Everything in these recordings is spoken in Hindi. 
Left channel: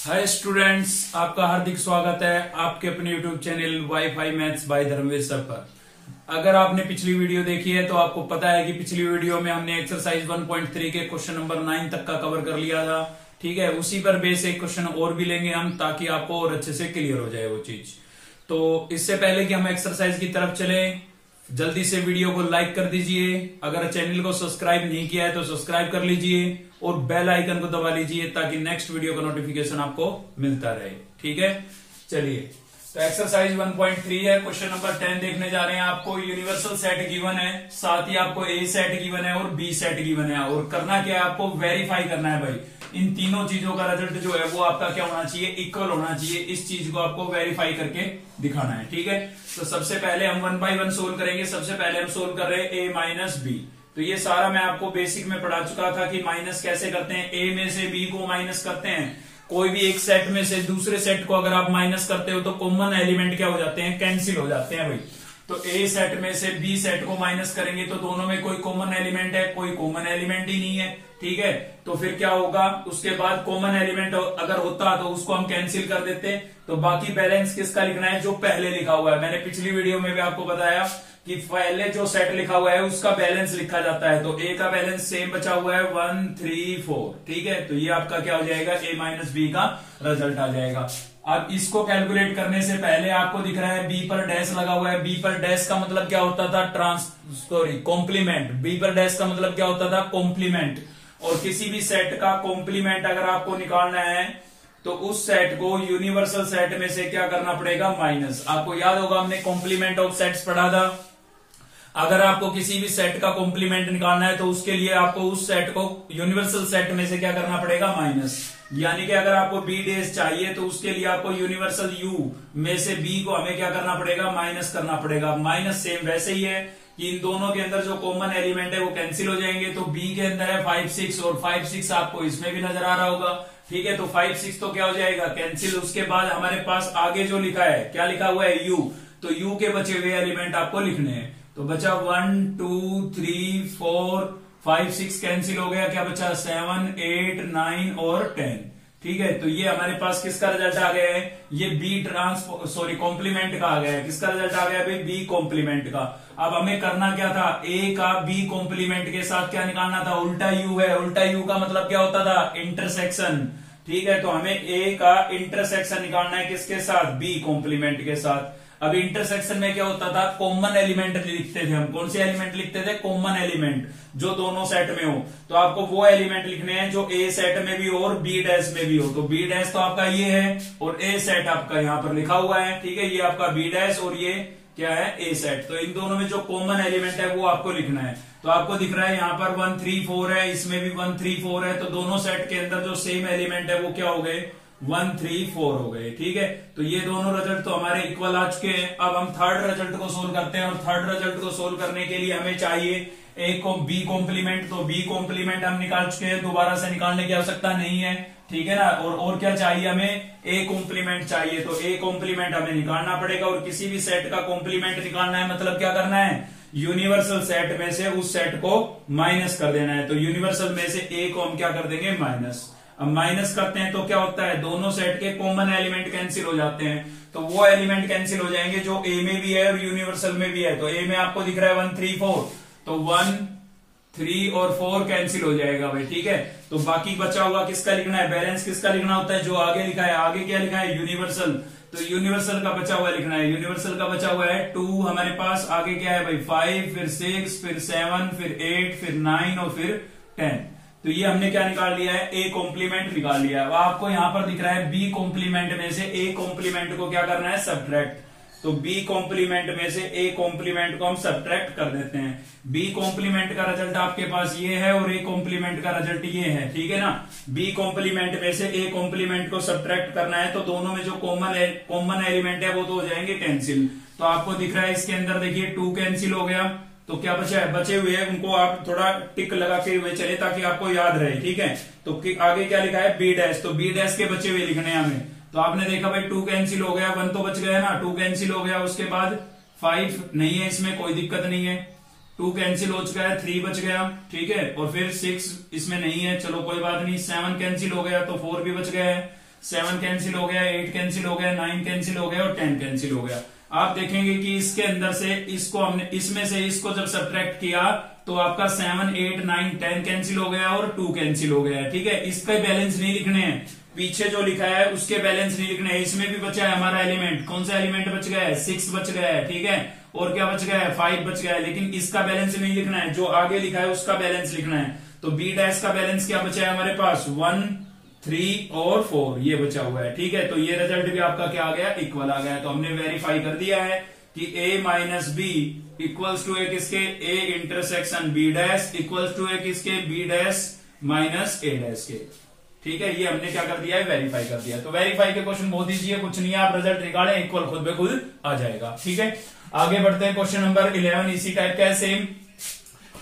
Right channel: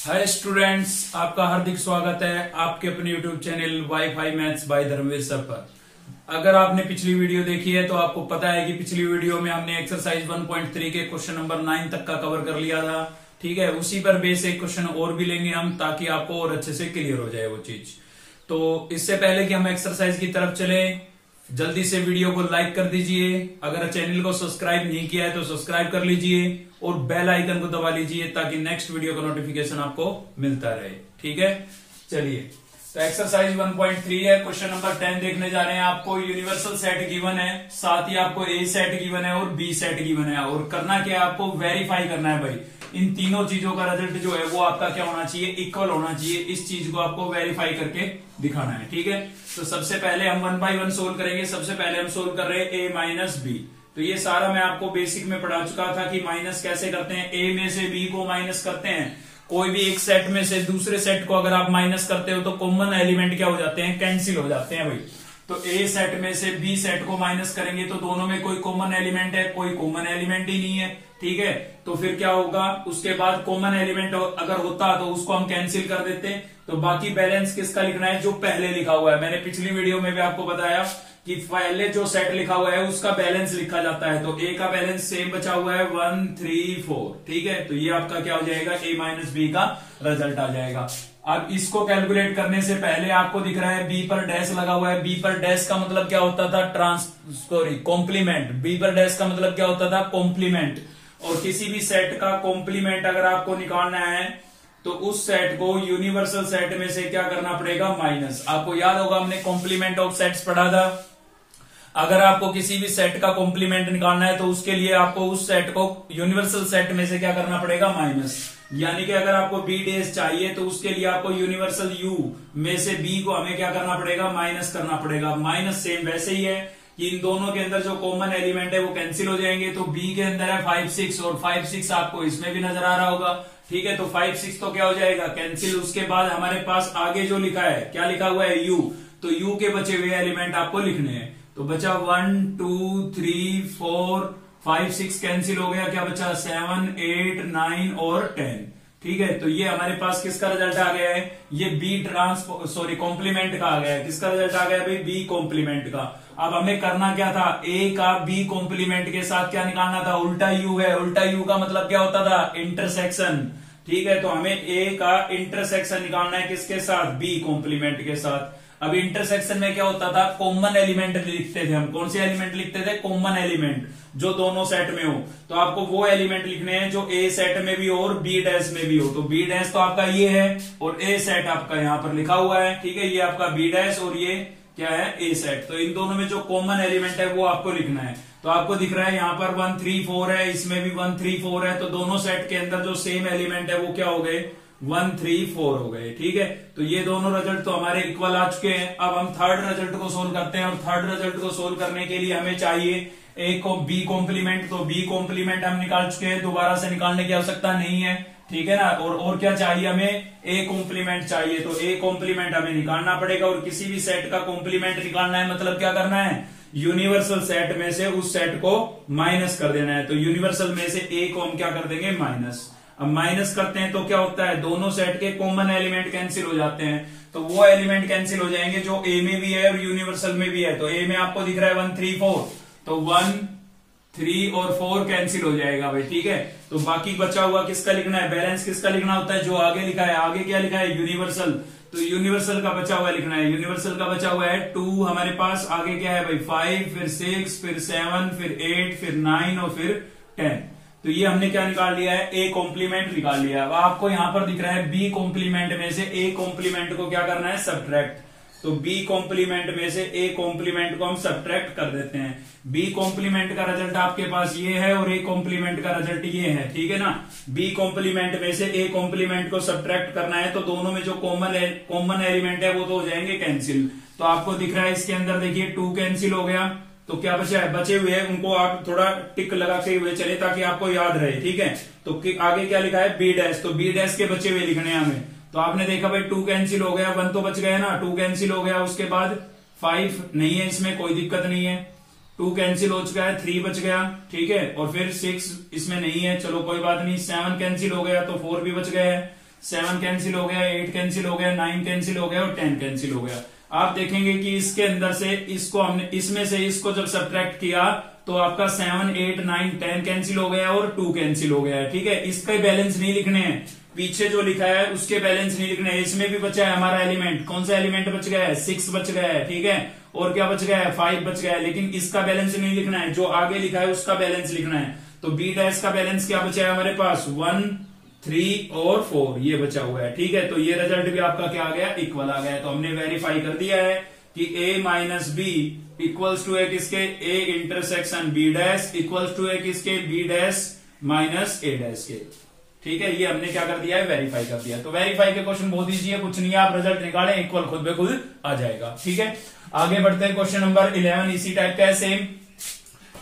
हाय स्टूडेंट्स, आपका हार्दिक स्वागत है आपके अपने YouTube channel WiFi maths by Dharmveer sir पर। अगर आपने पिछली वीडियो देखी है तो आपको पता है कि पिछली वीडियो में हमने एक्सरसाइज 1.3 के क्वेश्चन नंबर 9 तक का कवर कर लिया था। ठीक है, उसी पर बेस एक क्वेश्चन और भी लेंगे हम, ताकि आपको और अच्छे से क्लियर हो जाए वो चीज। तो इससे पहले कि हम एक्सरसाइज की तरफ चले, जल्दी से वीडियो को लाइक कर दीजिए। अगर चैनल को सब्सक्राइब नहीं किया है तो सब्सक्राइब कर लीजिए और बेल आइकन को दबा लीजिए, ताकि नेक्स्ट वीडियो का नोटिफिकेशन आपको मिलता रहे। ठीक है, चलिए। तो एक्सरसाइज 1.3 है, क्वेश्चन नंबर 10 देखने जा रहे हैं। आपको यूनिवर्सल सेट गिवन है, साथ ही आपको ए सेट गिवन है और बी सेट गिवन है। और करना क्या है, आपको वेरीफाई करना है भाई, इन तीनों चीजों का रिजल्ट जो है वो आपका क्या होना चाहिए, इक्वल होना चाहिए। इस चीज को आपको वेरीफाई करके दिखाना है। ठीक है, तो सबसे पहले हम 1 बाय 1 सोल्व करेंगे। सबसे पहले हम सोल्व कर रहे हैं ए माइनस बी। तो ये सारा मैं आपको बेसिक में पढ़ा चुका था कि माइनस कैसे करते हैं। ए में से बी को माइनस करते हैं। कोई भी एक सेट में से दूसरे सेट को अगर आप माइनस करते हो तो कॉमन एलिमेंट क्या हो जाते हैं, कैंसिल हो जाते हैं भाई। तो ए सेट में से बी सेट को माइनस करेंगे तो दोनों में कोई कॉमन एलिमेंट है, कोई कॉमन एलिमेंट ही नहीं है। ठीक है, तो फिर क्या होगा, उसके बाद कॉमन एलिमेंट अगर होता तो उसको हम कैंसिल कर देते। तो बाकी बैलेंस किसका लिखना है, जो पहले लिखा हुआ है। मैंने पिछली वीडियो में भी आपको बताया कि पहले जो सेट लिखा हुआ है उसका बैलेंस लिखा जाता है। तो ए का बैलेंस सेम बचा हुआ है 1 3 4। ठीक है, तो ये आपका क्या हो जाएगा, ए माइनस बी का रिजल्ट आ जाएगा। अब इसको कैलकुलेट करने से पहले आपको दिख रहा है बी पर डैश लगा हुआ है। बी पर डैश का मतलब क्या होता था, कॉम्प्लीमेंट। बी पर डैश का मतलब क्या होता था, कॉम्प्लीमेंट। और किसी भी सेट का कॉम्प्लीमेंट अगर आपको निकालना है तो उस सेट को यूनिवर्सल सेट में से क्या करना पड़ेगा, माइनस। आपको याद होगा हमने कॉम्प्लीमेंट ऑफ सेट्स पढ़ा था। अगर आपको किसी भी सेट का कॉम्प्लीमेंट निकालना है तो उसके लिए आपको उस सेट को यूनिवर्सल सेट में से क्या करना पड़ेगा, माइनस। यानी कि अगर आपको बी डेज चाहिए तो उसके लिए आपको यूनिवर्सल यू में से बी को हमें क्या करना पड़ेगा, माइनस करना पड़ेगा। माइनस सेम वैसे ही है कि इन दोनों के अंदर जो कॉमन एलिमेंट है वो कैंसिल हो जाएंगे। तो बी के अंदर है 5 6 और 5 6 आपको इसमें भी नजर आ रहा होगा। ठीक है, तो 5 6 तो क्या हो जाएगा, कैंसिल। उसके बाद हमारे पास आगे जो लिखा है, क्या लिखा हुआ है, यू। तो यू के बचे हुए एलिमेंट आपको लिखने हैं। तो बचा 1 2 3 4 5 6 कैंसिल हो गया। क्या बचा, 7 8 9 और 10। ठीक है, तो ये हमारे पास किसका रिजल्ट आ गया है, ये बी कॉम्प्लीमेंट का आ गया है। किसका रिजल्ट आ गया भाई, बी कॉम्प्लीमेंट का। अब हमें करना क्या था, ए का बी कॉम्प्लीमेंट के साथ क्या निकालना था, उल्टा यू है। उल्टा यू का मतलब क्या होता था, इंटरसेक्शन। ठीक है, तो हमें ए का इंटरसेक्शन निकालना है किसके साथ, बी कॉम्प्लीमेंट के साथ। अब इंटरसेक्शन में क्या होता था, कॉमन एलिमेंट लिखते थे हम। कौन से एलिमेंट लिखते थे, कॉमन एलिमेंट, जो दोनों सेट में हो। तो आपको वो एलिमेंट लिखने हैं जो ए सेट में भी हो और बी डैश में भी हो। तो बी डैश तो आपका ये है और ए सेट आपका यहाँ पर लिखा हुआ है। ठीक है, ये आपका बी डैश और ये क्या है, ए सेट। तो इन दोनों में जो कॉमन एलिमेंट है वो आपको लिखना है। तो आपको दिख रहा है यहाँ पर 1 3 4 है, इसमें भी 1 3 4 है। तो दोनों सेट के अंदर जो सेम एलिमेंट है वो क्या हो गए, 1 3 4 हो गए। ठीक है, तो ये दोनों रिजल्ट तो हमारे इक्वल आ चुके हैं। अब हम थर्ड रिजल्ट को सोल्व करते हैं। और थर्ड रिजल्ट को सोल्व करने के लिए हमें चाहिए एक बी कॉम्प्लीमेंट। तो बी कॉम्प्लीमेंट हम निकाल चुके हैं, दोबारा से निकालने की आवश्यकता नहीं है। ठीक है ना, और क्या चाहिए हमें, ए कॉम्प्लीमेंट चाहिए। तो ए कॉम्प्लीमेंट हमें निकालना पड़ेगा। और किसी भी सेट का कॉम्प्लीमेंट निकालना है मतलब क्या करना है, यूनिवर्सल सेट में से उस सेट को माइनस कर देना है। तो यूनिवर्सल में से ए को हम क्या कर देंगे, माइनस। अब माइनस करते हैं तो क्या होता है, दोनों सेट के कॉमन एलिमेंट कैंसिल हो जाते हैं। तो वो एलिमेंट कैंसिल हो जाएंगे जो ए में भी है और यूनिवर्सल में भी है। तो ए में आपको दिख रहा है 1 3 4, तो 1 3 और 4 कैंसिल हो जाएगा भाई। ठीक है, तो बाकी बचा हुआ किसका लिखना है, बैलेंस किसका लिखना होता है, जो आगे लिखा है। आगे क्या लिखा है, यूनिवर्सल। तो यूनिवर्सल का बचा हुआ लिखना है। यूनिवर्सल का बचा हुआ है 2 हमारे पास। आगे क्या है भाई, 5 फिर 6 फिर 7 फिर 8 फिर 9 और फिर 10। तो ये हमने क्या निकाल लिया है, ए कॉम्प्लीमेंट निकाल लिया। अब आपको यहां पर दिख रहा है बी कॉम्प्लीमेंट में से ए कॉम्प्लीमेंट को क्या करना है, सब्ट्रैक्ट। तो बी कॉम्प्लीमेंट में से ए कॉम्प्लीमेंट को हम सब्ट्रैक्ट कर देते हैं। बी कॉम्प्लीमेंट का रिजल्ट आपके पास ये है और ए कॉम्प्लीमेंट का रिजल्ट ये है। ठीक है ना, बी कॉम्प्लीमेंट में से ए कॉम्प्लीमेंट को सब्ट्रैक्ट करना है तो दोनों में जो कॉमन एलिमेंट है वो तो हो जाएंगे कैंसिल। तो आपको दिख रहा है इसके अंदर देखिए 2 कैंसिल हो गया। तो क्या बचा है, बचे हुए हैं उनको आप थोड़ा टिक लगा के हुए चले ताकि आपको याद रहे। ठीक है, तो आगे क्या लिखा है, बी डैश। तो बी डैश के बचे हुए लिखने हैं हमें। तो आपने देखा भाई 2 कैंसिल हो गया, 1 तो बच गया ना, 2 कैंसिल हो गया। उसके बाद 5 नहीं है, इसमें कोई दिक्कत नहीं है। 2 कैंसिल हो चुका है, 3 बच गया। ठीक है, और फिर 6 इसमें नहीं है, चलो कोई बात नहीं। 7 कैंसिल हो गया तो 4 भी बच गया है। 7 कैंसिल हो गया, 8 कैंसिल हो गया, 9 कैंसिल हो गया और 10 कैंसिल हो गया। आप देखेंगे कि इसके अंदर से इसको हमने इसमें से इसको जब सब्ट्रैक्ट किया तो आपका 7, 8, 9, 10 कैंसिल हो गया और 2 कैंसिल हो गया है। ठीक है, इसके बैलेंस नहीं लिखने हैं, पीछे जो लिखा है उसके बैलेंस नहीं लिखने हैं। इसमें भी बचा है हमारा एलिमेंट, कौन सा एलिमेंट बच गया है? 6 बच गया है। ठीक है, और क्या बच गया है? 5 बच गया है, लेकिन इसका बैलेंस नहीं लिखना है, जो आगे लिखा है उसका बैलेंस लिखना है। तो बी डैश का बैलेंस क्या बचा है हमारे पास? 1, 3 और 4 ये बचा हुआ है। ठीक है, तो ये रिजल्ट भी आपका क्या आ गया? इक्वल आ गया। तो हमने वेरीफाई कर दिया है कि a minus B equals to है किसके? a intersection b dash equals to है किसके? b dash minus a dash के। ठीक है, ये हमने क्या कर दिया है? वेरीफाई कर दिया है। तो वेरीफाई के क्वेश्चन बहुत ईजी है, कुछ नहीं है, आप रिजल्ट निकालें, इक्वल खुद ब खुद आ जाएगा। ठीक है, आगे बढ़ते हैं। क्वेश्चन नंबर 11 इसी टाइप का है, सेम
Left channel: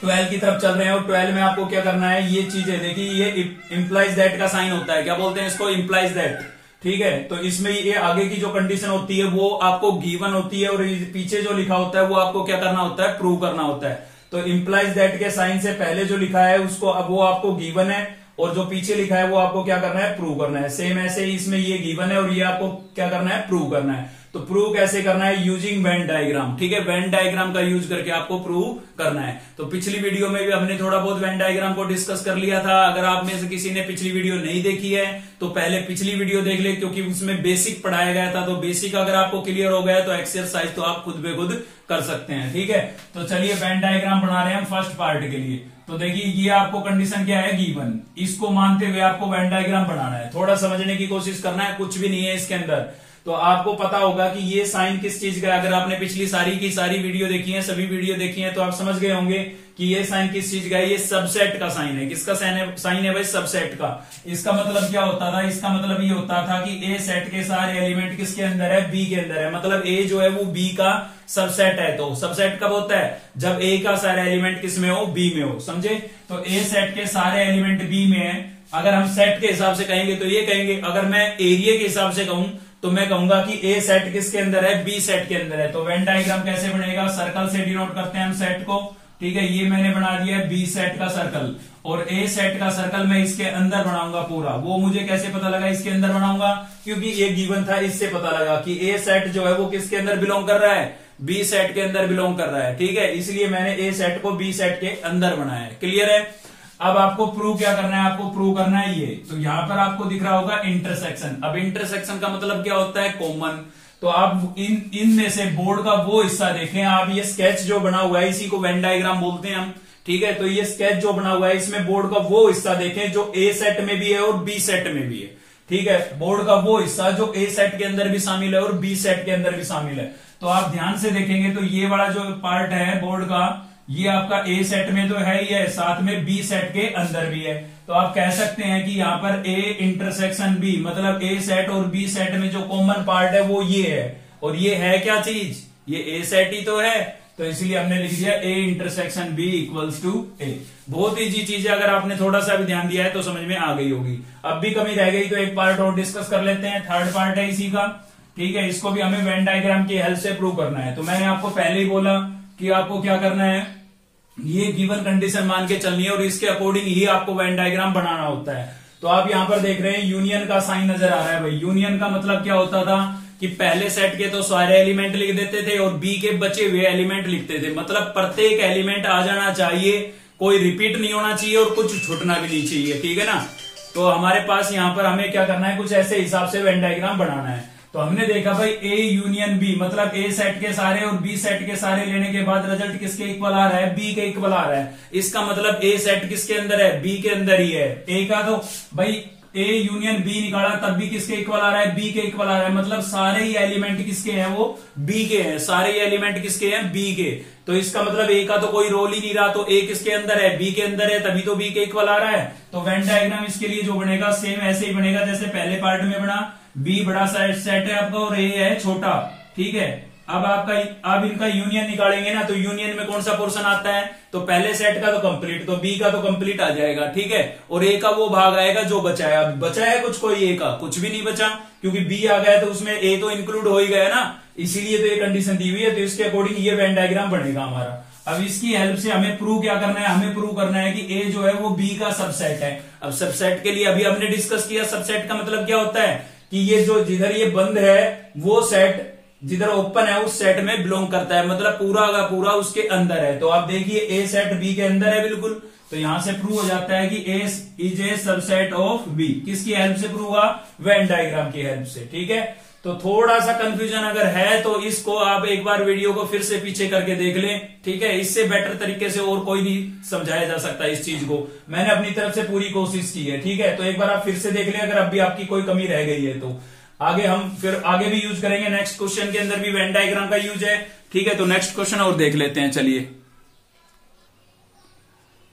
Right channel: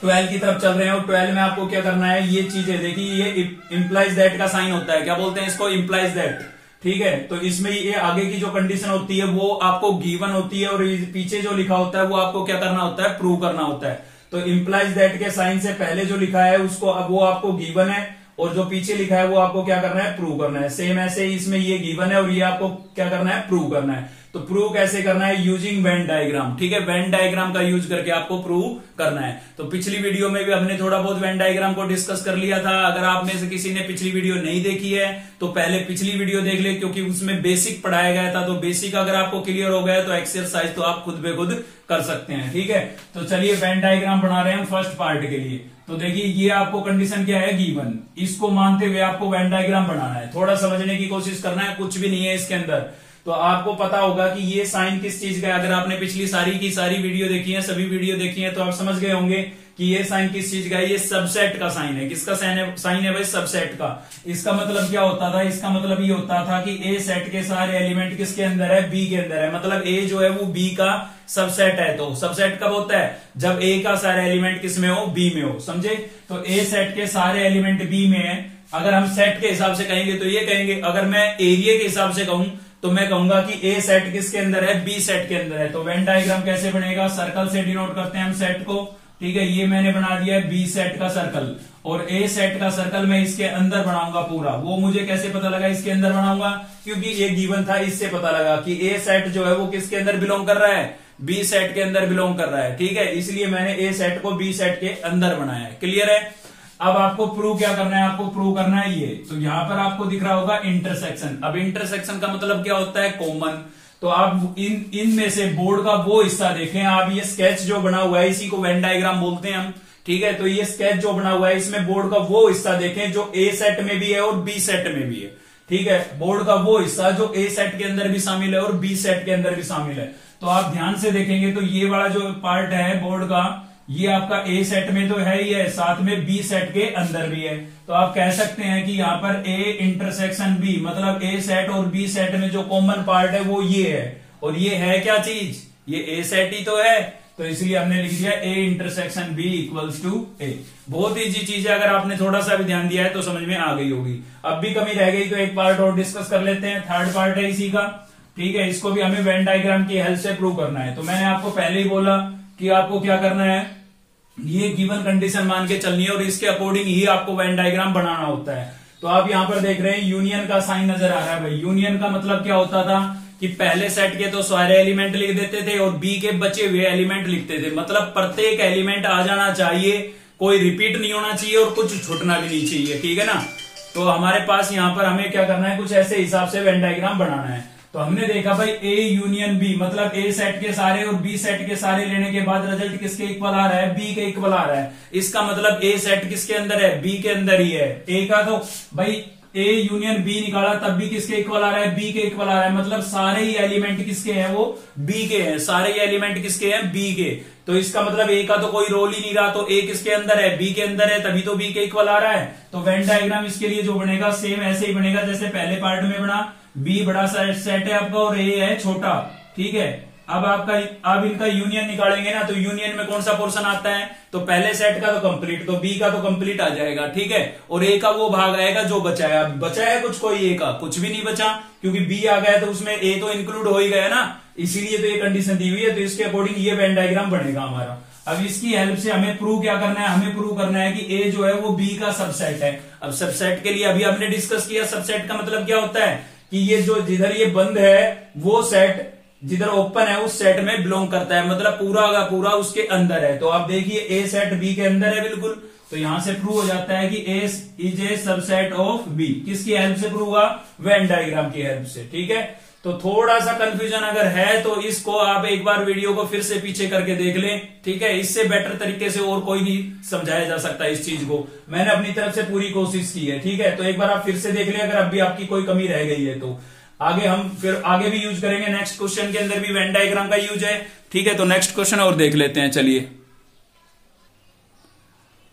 12 की तरफ चल रहे हैं। और 12 में आपको क्या करना है? ये चीजें देखिए, ये इम्प्लाइज दैट का साइन होता है, क्या बोलते हैं इसको? Implies that. ठीक है, तो इसमें ये आगे की जो कंडीशन होती है वो आपको गिवन होती है, और पीछे जो लिखा होता है वो आपको क्या करना होता है? प्रूव करना होता है। तो इम्प्लाइज दैट के साइन से पहले जो लिखा है उसको, अब वो आपको गिवन है, और जो पीछे लिखा है वो आपको क्या करना है? प्रूव करना है। सेम ऐसे ही इसमें ये गिवन है और ये आपको क्या करना है? प्रूव करना है। तो प्रूव कैसे करना है? Using Venn diagram. ठीक है, वेन डायग्राम का यूज करके आपको प्रूव करना है। तो पिछली वीडियो में भी हमने थोड़ा बहुत वेन डायग्राम को डिस्कस कर लिया था। अगर आप में से किसी ने पिछली वीडियो नहीं देखी है तो पहले पिछली वीडियो देख ले, क्योंकि उसमें बेसिक पढ़ाया गया था। तो बेसिक अगर आपको क्लियर हो गया तो एक्सरसाइज तो आप खुद बे खुद कर सकते हैं। ठीक है, तो चलिए वेन डायग्राम बना रहे हैं हम फर्स्ट पार्ट के लिए। तो देखिए, ये आपको कंडीशन क्या है? गिवन। इसको मानते हुए आपको वेन डायग्राम बनाना है। थोड़ा समझने की कोशिश करना है, कुछ भी नहीं है इसके अंदर। तो आपको पता होगा कि ये साइन किस चीज का है। अगर आपने पिछली सारी की सारी वीडियो देखी है, सभी वीडियो देखी है, तो आप समझ गए होंगे कि ये साइन किस चीज का है। ये सबसेट का साइन है। किसका साइन है भाई? सबसेट का। इसका मतलब क्या होता था? इसका मतलब ये होता था कि ए सेट के सारे एलिमेंट किसके अंदर है? बी के अंदर है। मतलब ए जो है वो बी का सबसेट है। तो सबसेट कब होता है? जब ए का सारा एलिमेंट किस में हो? बी में हो। समझे? तो ए सेट के सारे एलिमेंट बी में है। अगर हम सेट के हिसाब से कहेंगे तो ये कहेंगे। अगर मैं एरिया के हिसाब से कहूं तो मैं कहूंगा कि ए सेट किसके अंदर है? बी सेट के अंदर है। तो वेन डायग्राम कैसे बनेगा? सर्कल से डिनोट करते हैं हम सेट को। ठीक है, ये मैंने बना दिया है बी सेट का सर्कल, और ए सेट का सर्कल मैं इसके अंदर बनाऊंगा पूरा। वो मुझे कैसे पता लगा इसके अंदर बनाऊंगा? क्योंकि ये गिवन था, इससे पता लगा कि ए सेट जो है वो किसके अंदर बिलोंग कर रहा है? बी सेट के अंदर बिलोंग कर रहा है। ठीक है, इसलिए मैंने ए सेट को बी सेट के अंदर बनाया है। क्लियर है? अब आपको प्रूव क्या करना है? आपको प्रूव करना है ये। तो यहां पर आपको दिख रहा होगा इंटरसेक्शन। अब इंटरसेक्शन का मतलब क्या होता है? कॉमन। तो आप इनमें से बोर्ड का वो हिस्सा देखें। आप ये स्केच जो बना हुआ है, इसी को वेन डायग्राम बोलते हैं हम। ठीक है, तो ये स्केच जो बना हुआ है, इसमें बोर्ड का वो हिस्सा देखें जो ए सेट में भी है और बी सेट में भी है। ठीक है, बोर्ड का वो हिस्सा जो ए सेट के अंदर भी शामिल है और बी सेट के अंदर भी शामिल है। तो आप ध्यान से देखेंगे तो ये वाला जो पार्ट है बोर्ड का, ये आपका ए सेट में तो है ही है, साथ में बी सेट के अंदर भी है। तो आप कह सकते हैं कि यहाँ पर ए इंटरसेक्शन बी, मतलब ए सेट और बी सेट में जो कॉमन पार्ट है वो ये है। और ये है क्या चीज? ये ए सेट ही तो है। तो इसलिए हमने लिख दिया A intersection B equals to A. बहुत इजी चीज है, अगर आपने थोड़ा सा भी ध्यान दिया है तो समझ में आ गई होगी। अब भी कमी रह गई तो एक पार्ट और डिस्कस कर लेते हैं, थर्ड पार्ट है इसी का। ठीक है, इसको भी हमें वेन डायग्राम की हेल्प से प्रूव करना है। तो मैंने आपको पहले ही बोला कि आपको क्या करना है, ये गिवन कंडीशन मान के चलनी है और इसके अकॉर्डिंग ही आपको वेन डायग्राम बनाना होता है। तो आप यहां पर देख रहे हैं यूनियन का साइन नजर आ रहा है भाई। यूनियन का मतलब क्या होता था कि पहले सेट के तो सारे एलिमेंट लिख देते थे और बी के बचे हुए एलिमेंट लिखते थे। मतलब प्रत्येक एलिमेंट आ जाना चाहिए, कोई रिपीट नहीं होना चाहिए और कुछ छूटना भी नहीं चाहिए। ठीक है ना? तो हमारे पास यहां पर हमें क्या करना है, कुछ ऐसे हिसाब से वेन डायग्राम बनाना है। तो हमने देखा भाई ए यूनियन बी, मतलब ए सेट के सारे और बी सेट के सारे लेने के बाद रिजल्ट किसके इक्वल आ रहा है? बी के इक्वल आ रहा है। इसका मतलब ए सेट किसके अंदर है? बी के अंदर ही है। ए का तो भाई ए यूनियन बी निकाला तब भी किसके इक्वल आ रहा है? बी के इक्वल आ रहा है। मतलब सारे ही एलिमेंट किसके हैं? वो बी के हैं। सारे ही एलिमेंट किसके हैं? बी के। तो इसका मतलब ए का तो कोई रोल ही नहीं रहा। तो ए किसके अंदर है? बी के अंदर है, तभी तो बी के इक्वल आ रहा है। तो वेन डायग्राम इसके लिए जो बनेगा सेम ऐसे ही बनेगा जैसे पहले पार्ट में बना। बी बड़ा सेट है आपका और ए है छोटा। ठीक है, अब इनका यूनियन निकालेंगे ना, तो यूनियन में कौन सा पोर्शन आता है? तो पहले सेट का तो कंप्लीट, तो बी का तो कंप्लीट आ जाएगा। ठीक है, और ए का वो भाग आएगा जो बचा है। अब बचा है कुछ? कोई ए का कुछ भी नहीं बचा, क्योंकि बी आ गया तो उसमें ए तो इंक्लूड हो ही गया ना। इसीलिए तो ये कंडीशन दी हुई है। तो इसके अकॉर्डिंग ये वेन डायग्राम बनेगा हमारा। अब इसकी हेल्प से हमें प्रूव क्या करना है, हमें प्रूव करना है कि ए जो है वो बी का सबसेट है। अब सबसेट के लिए अभी हमने डिस्कस किया, सबसेट का मतलब क्या होता है कि ये जो जिधर ये बंद है वो सेट जिधर ओपन है उस सेट में बिलोंग करता है, मतलब पूरा का पूरा उसके अंदर है। तो आप देखिए ए सेट बी के अंदर है बिल्कुल, तो यहां से प्रूव हो जाता है कि A is a subset of B. किसकी हेल्प से प्रूव हुआ, वेन डायग्राम की हेल्प से। ठीक है, तो थोड़ा सा कंफ्यूजन अगर है तो इसको आप एक बार वीडियो को फिर से पीछे करके देख लें। ठीक है, इससे बेटर तरीके से और कोई नहीं समझाया जा सकता इस चीज को, मैंने अपनी तरफ से पूरी कोशिश की है। ठीक है, तो एक बार आप फिर से देख लें, अगर अभी आपकी कोई कमी रह गई है तो आगे हम फिर आगे भी यूज करेंगे। नेक्स्ट क्वेश्चन के अंदर भी वेन डायग्राम का यूज है। ठीक है, तो नेक्स्ट क्वेश्चन और देख लेते हैं, चलिए।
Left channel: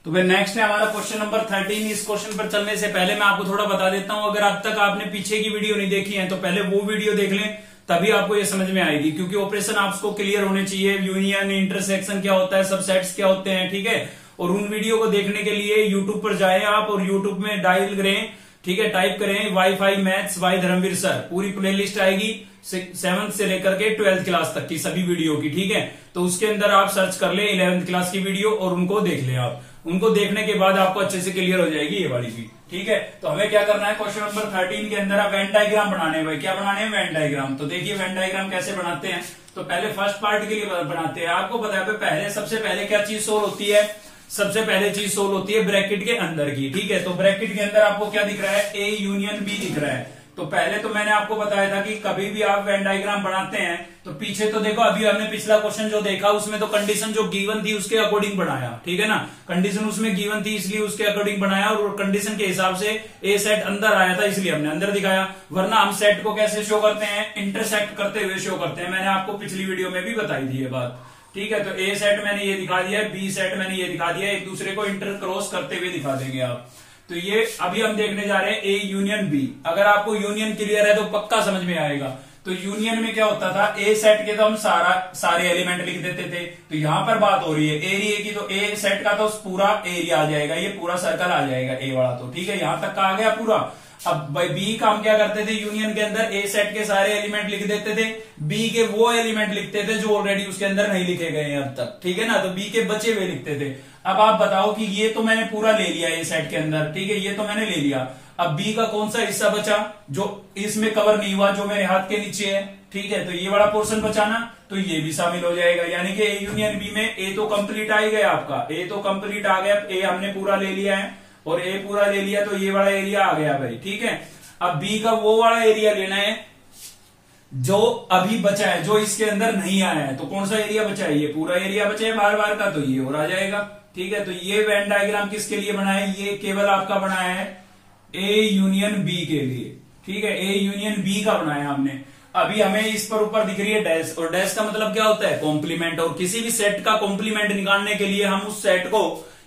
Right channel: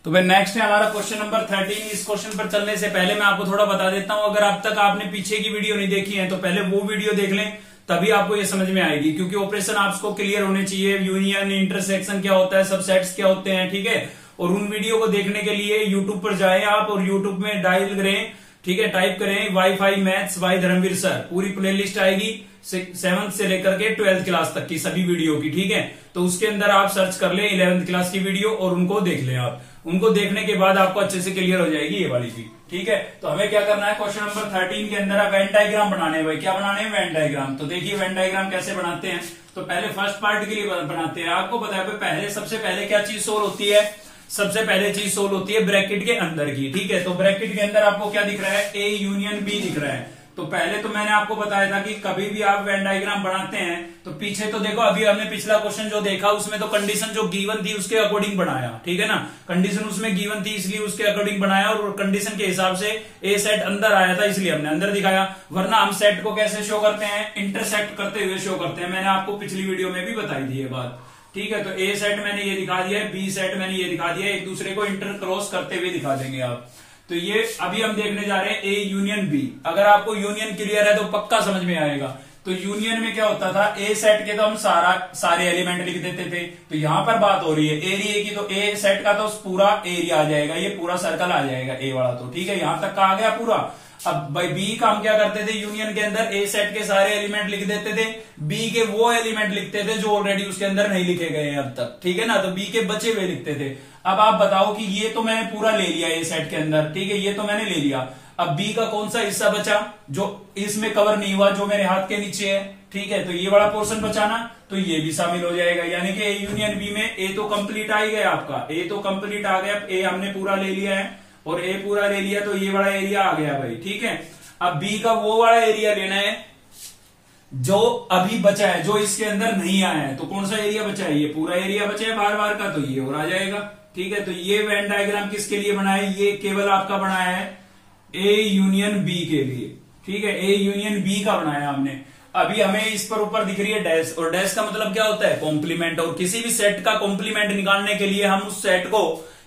तो भाई नेक्स्ट है हमारा क्वेश्चन नंबर 13। इस क्वेश्चन पर चलने से पहले मैं आपको थोड़ा बता देता हूं, अगर अब तक आपने पीछे की वीडियो नहीं देखी है तो पहले वो वीडियो देख लें, तभी आपको ये समझ में आएगी, क्योंकि ऑपरेशन आपको क्लियर होने चाहिए। यूनियन, इंटरसेक्शन क्या होता है, सबसेट्स क्या होते हैं। ठीक है, और उन वीडियो को देखने के लिए यूट्यूब पर जाए आप और यूट्यूब में डायल करें, ठीक है, टाइप करें WiFi maths by Dharmveer sir, पूरी प्लेलिस्ट आएगी 7th से लेकर के 12th क्लास तक की सभी वीडियो की। ठीक है, तो उसके अंदर आप सर्च कर ले 11th क्लास की वीडियो और उनको देख लें आप। उनको देखने के बाद आपको अच्छे से क्लियर हो जाएगी ये वाली चीज। ठीक है, तो हमें क्या करना है, क्वेश्चन नंबर 13 के अंदर आप वेन डायग्राम बनाने हैं। क्या बनाने हैं, वेन डायग्राम। तो देखिए वेन डायग्राम कैसे बनाते हैं, तो पहले फर्स्ट पार्ट के लिए बनाते हैं। आपको पता है पहले सबसे पहले क्या चीज सोल्व होती है, सबसे पहले चीज सोल्व होती है ब्रैकेट के अंदर की। ठीक है, तो ब्रैकेट के अंदर आपको क्या दिख रहा है, ए यूनियन बी दिख रहा है। तो पहले तो मैंने आपको बताया था कि कभी भी आप वेन डायग्राम बनाते हैं तो पीछे तो देखो, अभी हमने पिछला क्वेश्चन जो देखा उसमें तो कंडीशन जो गिवन थी उसके अकॉर्डिंग बनाया। ठीक है ना, कंडीशन उसमें गिवन थी इसलिए उसके अकॉर्डिंग बनाया, और कंडीशन के हिसाब से ए सेट अंदर आया था इसलिए हमने अंदर दिखाया। वरना हम सेट को कैसे शो करते हैं, इंटरसेक्ट करते हुए शो करते हैं। मैंने आपको पिछली वीडियो में भी बताई थी ये बात। ठीक है, तो ए सेट मैंने ये दिखा दिया है, बी सेट मैंने ये दिखा दिया है, एक दूसरे को इंटर क्रॉस करते हुए दिखा देंगे आप। तो ये अभी हम देखने जा रहे हैं ए यूनियन बी। अगर आपको यूनियन क्लियर है तो पक्का समझ में आएगा। तो यूनियन में क्या होता था, ए सेट के तो हम सारे एलिमेंट लिख देते थे। तो यहां पर बात हो रही है एरिया की, तो ए सेट का तो पूरा एरिया आ जाएगा, ये पूरा सर्कल आ जाएगा ए वाला। तो ठीक है, यहां तक का आ गया पूरा। अब भाई बी का हम क्या करते थे, यूनियन के अंदर ए सेट के सारे एलिमेंट लिख देते थे, बी के वो एलिमेंट लिखते थे जो ऑलरेडी उसके अंदर नहीं लिखे गए हैं अब तक। ठीक है ना, तो बी के बचे हुए लिखते थे। अब आप बताओ कि ये तो मैंने पूरा ले लिया ए सेट के अंदर, ठीक है, ये तो मैंने ले लिया। अब बी का कौन सा हिस्सा बचा जो इसमें कवर नहीं हुआ, जो मेरे हाथ के नीचे है। ठीक है, तो ये वाला पोर्शन बचाना, तो ये भी शामिल हो जाएगा। यानी कि ए यूनियन बी में ए तो कंप्लीट आ ही गया आपका, ए तो कंप्लीट आ गया, ए हमने पूरा ले लिया है और ए पूरा ले लिया, तो ये वाला एरिया आ गया भाई। ठीक है, अब बी का वो वाला एरिया लेना है जो अभी बचा है, जो इसके अंदर नहीं आया है। तो कौन सा एरिया बचा है, ये पूरा एरिया बचा है बार बार का, तो ये और आ जाएगा। ठीक है, तो ये वेन डायग्राम किसके लिए बना है, ये केवल आपका बनाया है ए यूनियन बी के लिए। ठीक है, ए यूनियन बी का बनाया हमने। अभी हमें इस पर ऊपर दिख रही है डैश, और डैश का मतलब क्या होता है, कॉम्प्लीमेंट। और किसी भी सेट का कॉम्प्लीमेंट निकालने के लिए हम उस सेट को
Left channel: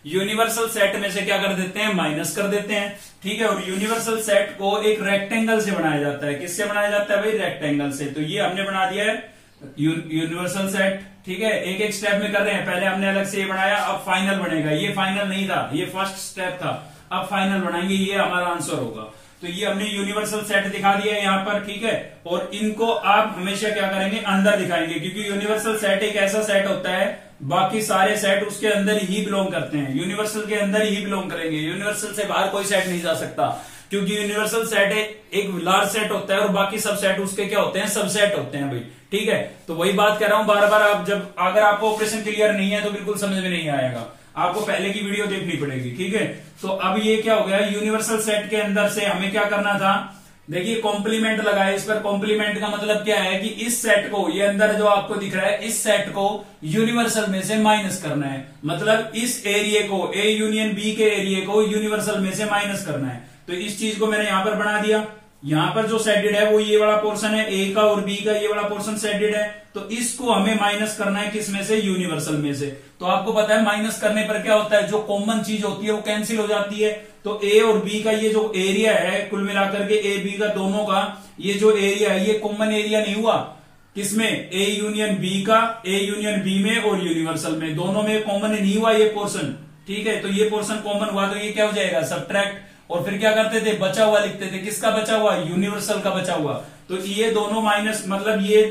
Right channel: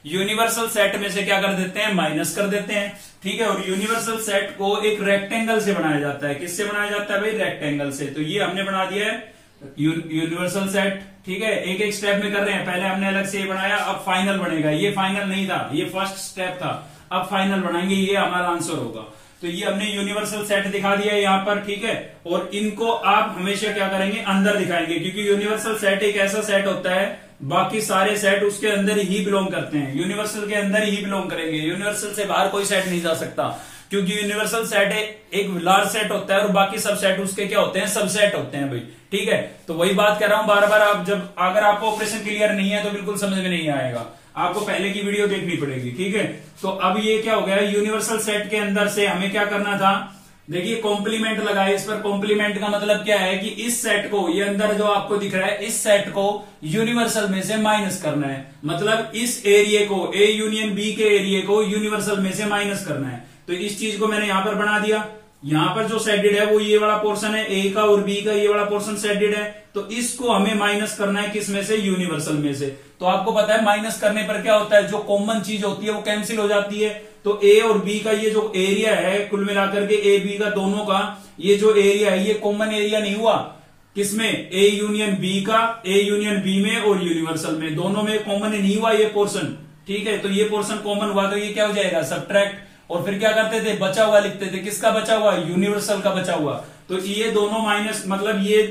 यूनिवर्सल सेट में से क्या कर देते हैं, माइनस कर देते हैं। ठीक है, और यूनिवर्सल सेट को एक रेक्टेंगल से बनाया जाता है। किससे बनाया जाता है भाई, रेक्टेंगल से। तो ये हमने बना दिया है यूनिवर्सल सेट। ठीक है, एक एक स्टेप में कर रहे हैं, पहले हमने अलग से ये बनाया, अब फाइनल बनेगा। ये फाइनल नहीं था, ये फर्स्ट स्टेप था, अब फाइनल बनाएंगे, ये हमारा आंसर होगा। तो ये हमने यूनिवर्सल सेट दिखा दिया है यहाँ पर। ठीक है, और इनको आप हमेशा क्या करेंगे, अंदर दिखाएंगे, क्योंकि यूनिवर्सल सेट एक ऐसा सेट होता है, बाकी सारे सेट उसके अंदर ही बिलोंग करते हैं, यूनिवर्सल के अंदर ही बिलोंग करेंगे। यूनिवर्सल से बाहर कोई सेट नहीं जा सकता, क्योंकि यूनिवर्सल सेट एक लार्ज सेट होता है और बाकी सब सेट उसके क्या होते हैं, सबसेट होते हैं भाई। ठीक है, तो वही बात कह रहा हूं बार बार। आप जब अगर आपको ऑपरेशन क्लियर नहीं है तो बिल्कुल समझ में नहीं आएगा, आपको पहले की वीडियो देखनी पड़ेगी। ठीक है, तो अब ये क्या हो गया, यूनिवर्सल सेट के अंदर से हमें क्या करना था, देखिए कॉम्प्लीमेंट लगाए इस पर। कॉम्प्लीमेंट का मतलब क्या है कि इस सेट को, ये अंदर जो आपको दिख रहा है, इस सेट को यूनिवर्सल में से माइनस करना है। मतलब इस एरिया को, ए यूनियन बी के एरिया को यूनिवर्सल में से माइनस करना है। तो इस चीज को मैंने यहां पर बना दिया। यहां पर जो सेडेड है वो ये वाला पोर्शन है, ए का और बी का ये वाला पोर्शन सेडेड है। तो इसको हमें माइनस करना है, किस में से, यूनिवर्सल में से। तो आपको पता है माइनस करने पर क्या होता है, जो कॉमन चीज होती है वो कैंसिल हो जाती है। तो ए और बी का ये जो एरिया है, कुल मिलाकर के ए बी का दोनों का ये जो एरिया है, ये कॉमन एरिया नहीं हुआ किसमें, ए यूनियन बी का, ए यूनियन बी में और यूनिवर्सल में, दोनों में कॉमन नहीं हुआ ये पोर्शन। ठीक है, तो ये पोर्शन कॉमन हुआ, तो ये क्या हो जाएगा, सबट्रैक्ट। और फिर क्या करते थे, बचा हुआ लिखते थे। किसका बचा हुआ, यूनिवर्सल का बचा हुआ। तो ये दोनों माइनस, मतलब ये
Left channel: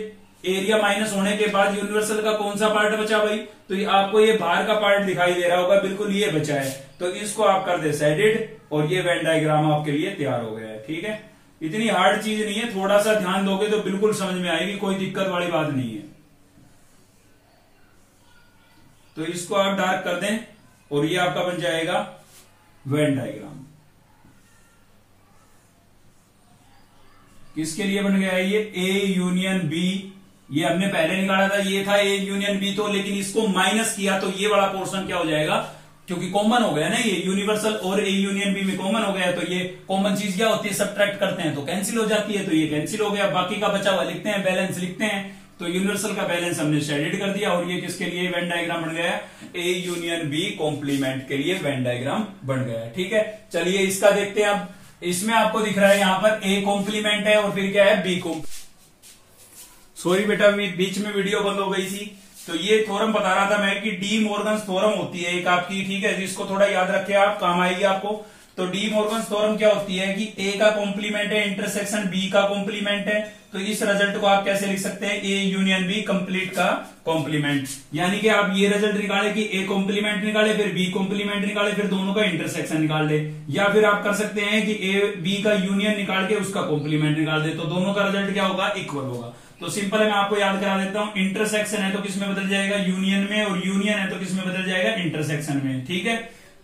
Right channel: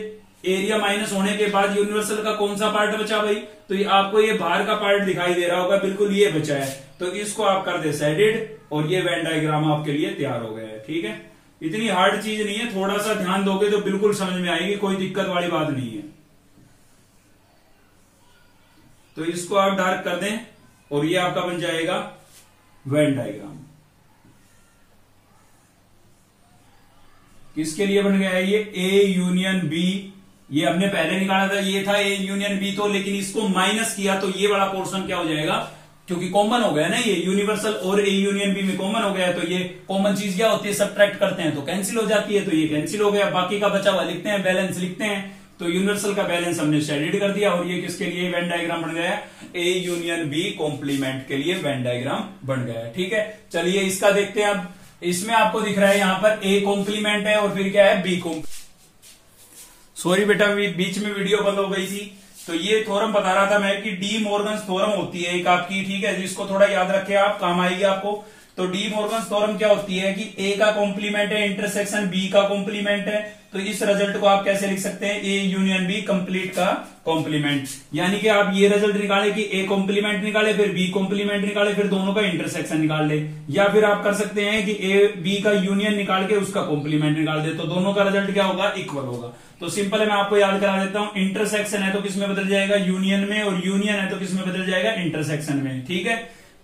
एरिया माइनस होने के बाद यूनिवर्सल का कौन सा पार्ट बचा भाई, तो ये आपको ये बाहर का पार्ट दिखाई दे रहा होगा, बिल्कुल ये बचा है। तो इसको आप कर दे शेडेड और ये वेन डायग्राम आपके लिए तैयार हो गया है। ठीक है, इतनी हार्ड चीज नहीं है, थोड़ा सा ध्यान दोगे तो बिल्कुल समझ में आएगी, कोई दिक्कत वाली बात नहीं है। तो इसको आप डार्क कर दें और ये आपका बन जाएगा वेन डायग्राम। किसके लिए बन गया है ये, ए यूनियन बी। ये हमने पहले निकाला था, ये था ए यूनियन बी, तो लेकिन इसको माइनस किया तो ये वाला पोर्शन क्या हो जाएगा, क्योंकि कॉमन हो गया ना, ये यूनिवर्सल और ए यूनियन बी में कॉमन हो गया, तो ये कॉमन चीज क्या होती है, सब्ट्रैक्ट करते हैं तो कैंसिल हो जाती है, तो ये कैंसिल हो गया। बाकी का बचा हुआ लिखते हैं, बैलेंस लिखते हैं। तो यूनिवर्सल का बैलेंस हमने शेडेड कर दिया और ये किसके लिए वेन डायग्राम बन गया, ए यूनियन बी कॉम्प्लीमेंट के लिए वेन डायग्राम बन गया। ठीक है, चलिए इसका देखते हैं। अब इसमें आपको दिख रहा है यहां पर ए कॉम्प्लीमेंट है और फिर क्या है, बी कॉम्प्लीमेंट। सॉरी बेटा, बीच में वीडियो बंद हो गई थी। तो ये थ्योरम बता रहा था मैं कि डी मॉर्गन्स थ्योरम होती है एक आपकी। ठीक है, जिसको थोड़ा याद रखे आप, काम आएगी आपको। तो डी मॉर्गन्स थ्योरम क्या होती है कि ए का कॉम्प्लीमेंट है इंटरसेक्शन बी का कॉम्प्लीमेंट है, तो इस रिजल्ट को आप कैसे लिख सकते हैं, ए यूनियन बी कंप्लीट का कॉम्प्लीमेंट। यानी कि आप ये रिजल्ट निकाले कि ए कॉम्प्लीमेंट निकाले, फिर बी कॉम्प्लीमेंट निकाले, फिर दोनों का इंटरसेक्शन निकाल ले। या फिर आप कर सकते हैं कि ए बी का यूनियन निकाल के उसका कॉम्प्लीमेंट निकाल दे, तो दोनों का रिजल्ट क्या होगा, इक्वल होगा। तो सिंपल है, मैं आपको याद करा देता हूं। इंटरसेक्शन है तो किसमें बदल जाएगा, यूनियन में, और यूनियन है तो किसमें बदल जाएगा, इंटरसेक्शन में। ठीक है,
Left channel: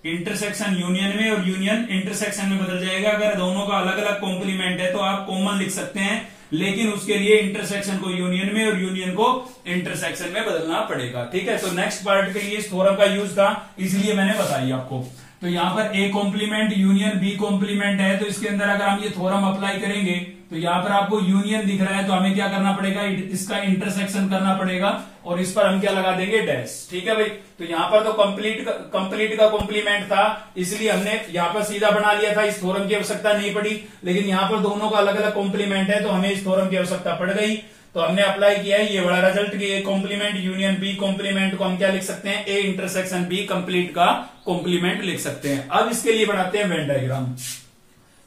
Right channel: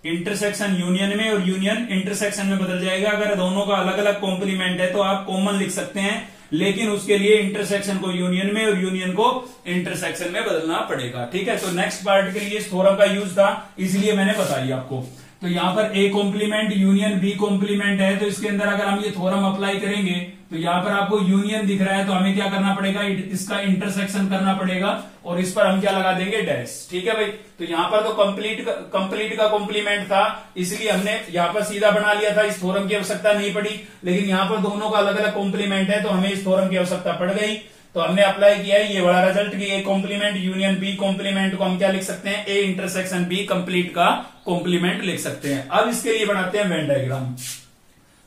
इंटरसेक्शन यूनियन में और यूनियन इंटरसेक्शन में बदल जाएगा। अगर दोनों का अलग अलग कॉम्प्लीमेंट है तो आप कॉमन लिख सकते हैं, लेकिन उसके लिए इंटरसेक्शन को यूनियन में और यूनियन को इंटरसेक्शन में बदलना पड़ेगा। ठीक है, तो नेक्स्ट पार्ट के लिए इस थ्योरम का यूज था, इसलिए मैंने बताई आपको। तो यहां पर A complement union B complement है, तो इसके अंदर अगर हम ये थ्योरम अप्लाई करेंगे तो यहां पर आपको यूनियन दिख रहा है, तो हमें क्या करना पड़ेगा, इसका इंटरसेक्शन करना पड़ेगा और इस पर हम क्या लगा देंगे, डैश। ठीक है भाई, तो यहां पर तो कंप्लीट का कॉम्प्लीमेंट था, इसलिए हमने यहां पर सीधा बना लिया था, इस थ्योरम की आवश्यकता नहीं पड़ी। लेकिन यहां पर दोनों का अलग अलग कॉम्प्लीमेंट है तो हमें इस थ्योरम की आवश्यकता पड़ गई, तो हमने अप्लाई किया है ये बड़ा रिजल्ट की A complement union B complement को हम क्या लिख सकते हैं, ए इंटरसेक्शन बी कंप्लीट का कॉम्प्लीमेंट लिख सकते हैं। अब इसके लिए बनाते हैं वेन डायग्राम।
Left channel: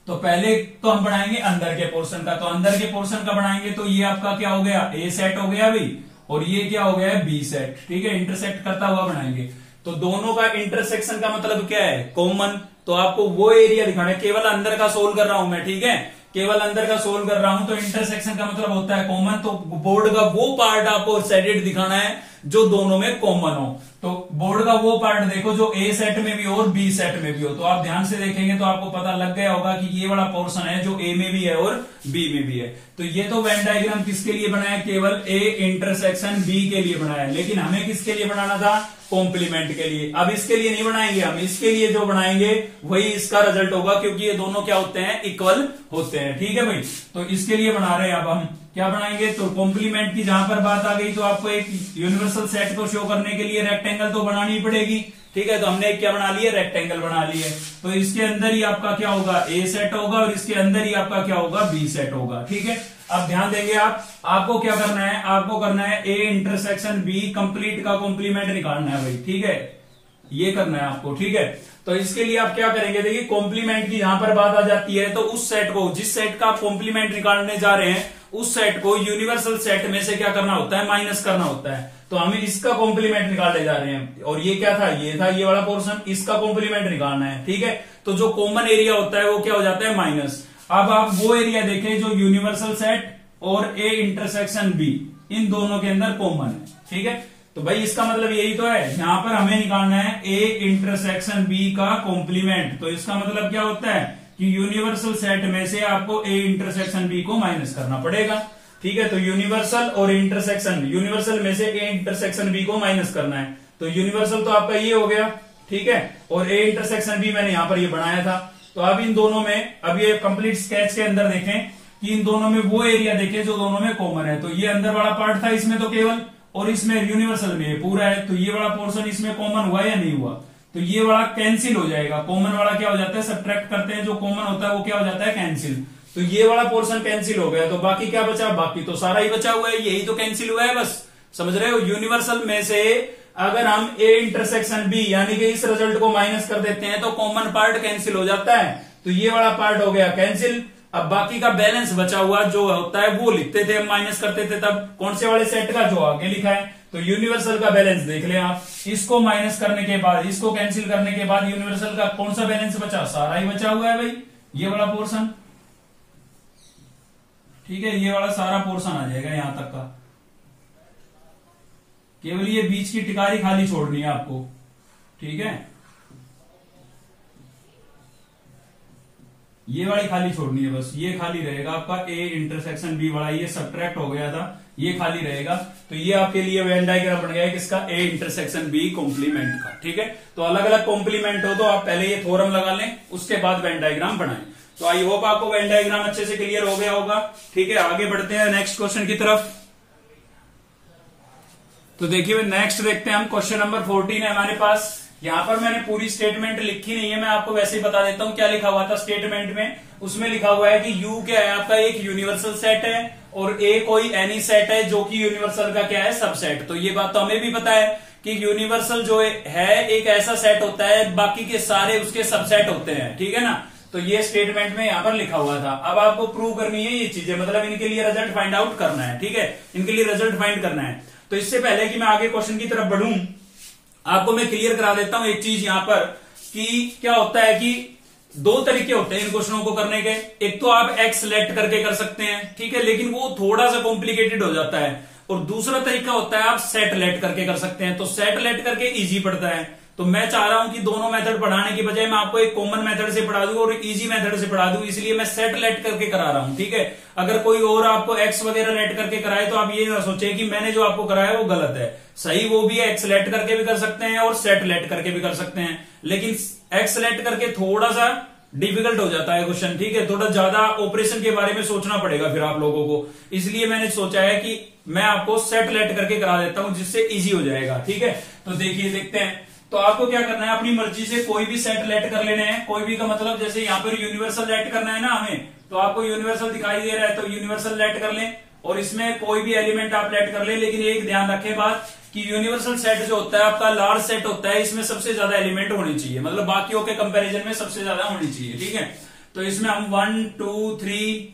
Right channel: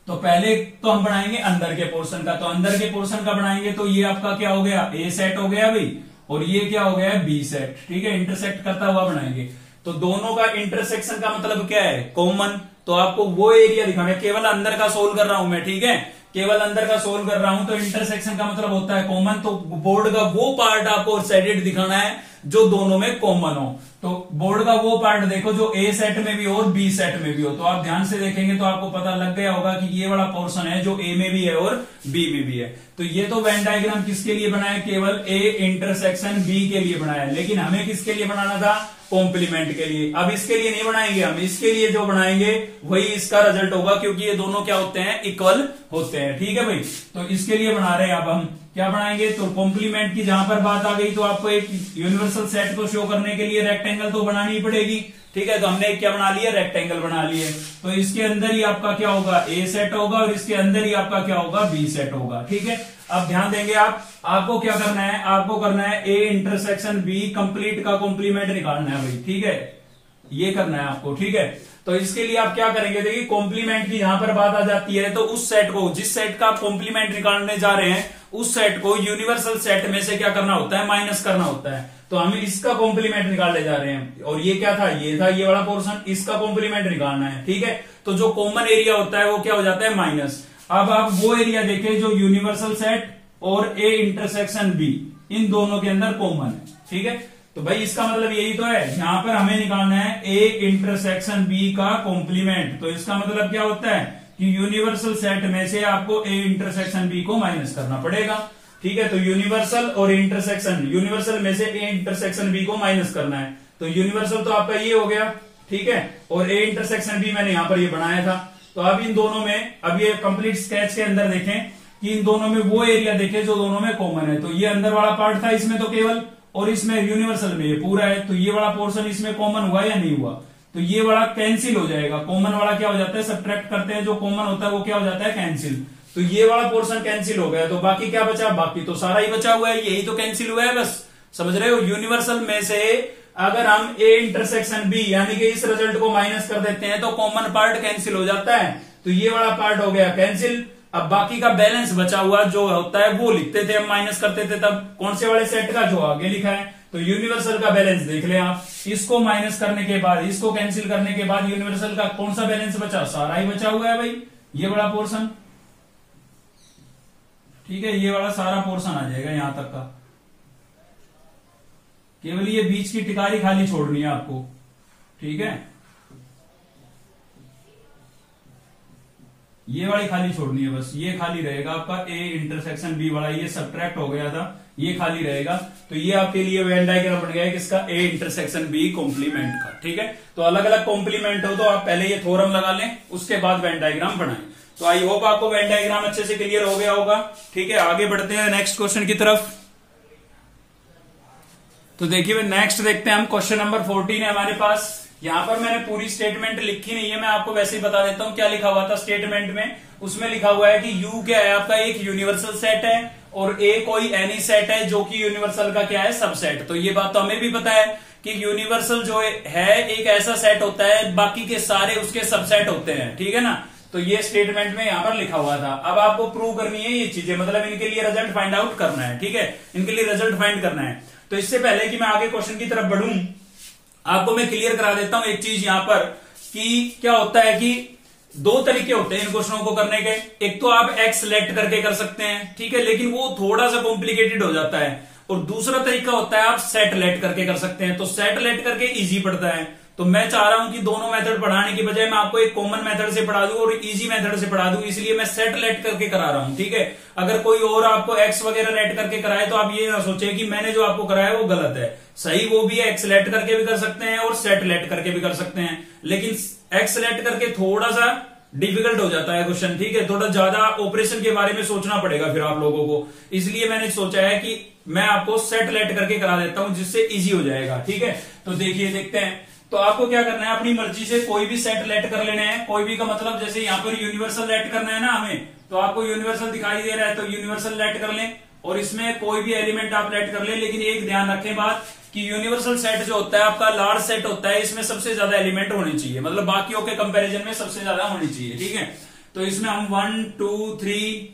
तो पहले तो हम बनाएंगे अंदर के पोर्शन का, तो अंदर के पोर्शन का बनाएंगे तो ये आपका क्या हो गया, ए सेट हो गया भाई, और ये क्या हो गया है, बी सेट। ठीक है, इंटरसेक्ट करता हुआ बनाएंगे। तो दोनों का इंटरसेक्शन का मतलब क्या है, कॉमन। तो आपको वो एरिया दिखाना है, केवल अंदर का सोल्व कर रहा हूं मैं। ठीक है, केवल अंदर का सोल्व कर रहा हूं, तो इंटरसेक्शन का मतलब होता है कॉमन। तो बोर्ड का वो पार्ट आपको शेडेड दिखाना है जो दोनों में कॉमन हो। तो बोर्ड का वो पार्ट देखो जो ए सेट में भी हो और बी सेट में भी हो। तो आप ध्यान से देखेंगे तो आपको पता लग गया होगा कि ये वाला पोर्शन है जो ए में भी है और बी में भी है। तो ये तो वेन डायग्राम किसके लिए बनाया, केवल ए इंटरसेक्शन बी के लिए बनाया, लेकिन हमें किसके लिए बनाना था, कॉम्प्लीमेंट के लिए। अब इसके लिए नहीं बनाएंगे हम, इसके लिए जो बनाएंगे वही इसका रिजल्ट होगा, क्योंकि ये दोनों क्या होते हैं, इक्वल होते हैं। ठीक है भाई, तो इसके लिए बना रहे हैं। अब हम क्या बनाएंगे, तो कॉम्प्लीमेंट की जहां पर बात आ गई तो आपको एक यूनिवर्सल सेट को शो करने के लिए रेक्टेंगल तो बनानी ही पड़ेगी। ठीक है, तो हमने क्या बना लिया, रेक्टेंगल बना लिए। तो इसके अंदर ही आपका क्या होगा, ए सेट होगा, और इसके अंदर ही आपका क्या होगा, बी सेट होगा। ठीक है, अब ध्यान देंगे आपको क्या करना है, आपको करना है ए इंटरसेक्शन बी कंप्लीट का कॉम्प्लीमेंट निकालना है भाई। ठीक है, ये करना है आपको। ठीक है, तो इसके लिए आप क्या करेंगे, देखिए कॉम्प्लीमेंट की यहां पर बात आ जाती है तो उस सेट को, जिस सेट का आप कॉम्प्लीमेंट निकालने जा रहे हैं, उस सेट को यूनिवर्सल सेट में से क्या करना होता है, माइनस करना होता है। तो हम इसका कॉम्प्लीमेंट निकालने जा रहे हैं, और ये क्या था, ये था ये वाला पोर्शन, इसका कॉम्प्लीमेंट निकालना है। ठीक है, तो जो कॉमन एरिया होता है वो क्या हो जाता है, माइनस। अब आप वो एरिया देखें जो यूनिवर्सल सेट और ए इंटरसेक्शन बी, इन दोनों के अंदर कॉमन है। ठीक है, तो भाई इसका मतलब यही तो है, यहां पर हमें निकालना है ए इंटरसेक्शन बी का कॉम्प्लीमेंट। तो इसका मतलब क्या होता है कि यूनिवर्सल सेट में से आपको ए इंटरसेक्शन बी को माइनस करना पड़ेगा। ठीक है, तो यूनिवर्सल और इंटरसेक्शन, यूनिवर्सल में से ए इंटरसेक्शन बी को माइनस करना है। तो यूनिवर्सल तो आपका ये हो गया, ठीक है, और ए इंटरसेक्शन बी मैंने यहां पर ये बनाया था। तो अब इन दोनों में, अब ये कंप्लीट स्केच के अंदर देखें कि इन दोनों में वो एरिया देखें जो दोनों में कॉमन है। तो ये अंदर वाला पार्ट था इसमें तो केवल, और इसमें यूनिवर्सल में ये पूरा है। तो ये वाला पोर्शन इसमें कॉमन हुआ या नहीं हुआ, तो ये वाला कैंसिल हो जाएगा। कॉमन वाला क्या हो जाता है, सब्ट्रैक्ट करते हैं, जो कॉमन होता है वो क्या हो जाता है, कैंसिल। तो ये वाला पोर्शन कैंसिल हो गया, तो बाकी क्या बचा, बाकी तो सारा ही बचा हुआ है, यही तो कैंसिल हुआ है बस। समझ रहे हो, यूनिवर्सल में से अगर हम ए इंटरसेक्शन बी यानी कि इस रिजल्ट को माइनस कर देते हैं तो कॉमन पार्ट कैंसिल हो जाता है। तो ये वाला पार्ट हो गया कैंसिल, अब बाकी का बैलेंस बचा हुआ जो होता है वो लिखते थे, हम माइनस करते थे तब कौन से वाले सेट का, जो आगे लिखा है। तो यूनिवर्सल का बैलेंस देख लें आप, इसको माइनस करने के बाद, इसको कैंसिल करने के बाद यूनिवर्सल का कौन सा बैलेंस बचा, सारा ही बचा हुआ है भाई, ये वाला पोर्शन। ठीक है, ये वाला सारा पोर्शन आ जाएगा यहां तक का, केवल ये बीच की टिकारी खाली छोड़नी है आपको। ठीक है, ये वाली खाली छोड़नी है बस, ये खाली रहेगा आपका ए इंटरसेक्शन बी वाला, ये सब्ट्रैक्ट हो गया था, ये खाली रहेगा। तो ये आपके लिए वेन डायग्राम बन गया है किसका, ए इंटरसेक्शन बी कॉम्प्लीमेंट का। ठीक है, तो अलग अलग कॉम्प्लीमेंट हो तो आप पहले ये थ्योरम लगा लें, उसके बाद वेन डायग्राम बनाएं। तो आई होप आपको वेन डायग्राम अच्छे से क्लियर हो गया होगा। ठीक है, आगे बढ़ते हैं नेक्स्ट क्वेश्चन की तरफ। तो देखिए नेक्स्ट देखते हैं हम, क्वेश्चन नंबर 14 है हमारे पास। यहां पर मैंने पूरी स्टेटमेंट लिखी नहीं है, मैं आपको वैसे ही बता देता हूं क्या लिखा हुआ था स्टेटमेंट में। उसमें लिखा हुआ है कि यू क्या है आपका, एक यूनिवर्सल सेट है, और ए कोई एनी सेट है जो कि यूनिवर्सल का क्या है, सबसेट। तो ये बात तो हमें भी पता है कि यूनिवर्सल जो है एक ऐसा सेट होता है, बाकी के सारे उसके सबसेट होते हैं। ठीक है ना, तो ये स्टेटमेंट में यहां पर लिखा हुआ था। अब आपको प्रूव करनी है ये चीजें, मतलब इनके लिए रिजल्ट फाइंड आउट करना है। ठीक है, इनके लिए रिजल्ट फाइंड करना है। तो इससे पहले कि मैं आगे क्वेश्चन की तरफ बढ़ूं, आपको मैं क्लियर करा देता हूं एक चीज यहां पर, कि क्या होता है कि दो तरीके होते हैं इन क्वेश्चनों को करने के। एक तो आप एक्स सेलेक्ट करके कर सकते हैं, ठीक है, लेकिन वो थोड़ा सा कॉम्प्लिकेटेड हो जाता है। और दूसरा तरीका होता है आप सेट लेट करके कर सकते हैं। तो सेट लेट करके इजी पड़ता है। तो मैं चाह रहा हूं कि दोनों मेथड पढ़ाने की बजाय मैं आपको एक कॉमन मेथड से पढ़ा दूं और इजी मेथड से पढ़ा दूं, इसलिए मैं सेट लेट करके करा रहा हूं। ठीक है, अगर कोई और आपको एक्स वगैरह लेट करके कराए तो आप ये ना सोचें कि मैंने जो आपको कराया वो गलत है। सही वो भी है, एक्स लेट करके भी कर सकते हैं और सेट लेट करके भी कर सकते हैं, लेकिन एक्स लेट करके थोड़ा सा डिफिकल्ट हो जाता है क्वेश्चन। ठीक है, थोड़ा ज्यादा ऑपरेशन के बारे में सोचना पड़ेगा फिर आप लोगों को, इसलिए मैंने सोचा है कि मैं आपको सेट लेट करके करा देता हूं, जिससे इजी हो जाएगा। ठीक है, तो देखिए देखते हैं। तो आपको क्या करना है, अपनी मर्जी से कोई भी सेट लेट कर लेने हैं। कोई भी का मतलब जैसे यहाँ पर यूनिवर्सल लेट करना है ना हमें, तो आपको यूनिवर्सल दिखाई दे रहा है तो यूनिवर्सल लेट कर लें, और इसमें कोई भी एलिमेंट आप लेट कर ले। लेकिन एक ध्यान रखें बात कि यूनिवर्सल सेट जो होता है आपका लार्ज सेट होता है, इसमें सबसे ज्यादा एलिमेंट होने चाहिए, मतलब बाकियों के कंपैरिजन में सबसे ज्यादा होनी चाहिए। ठीक है, तो इसमें हम 1 2 3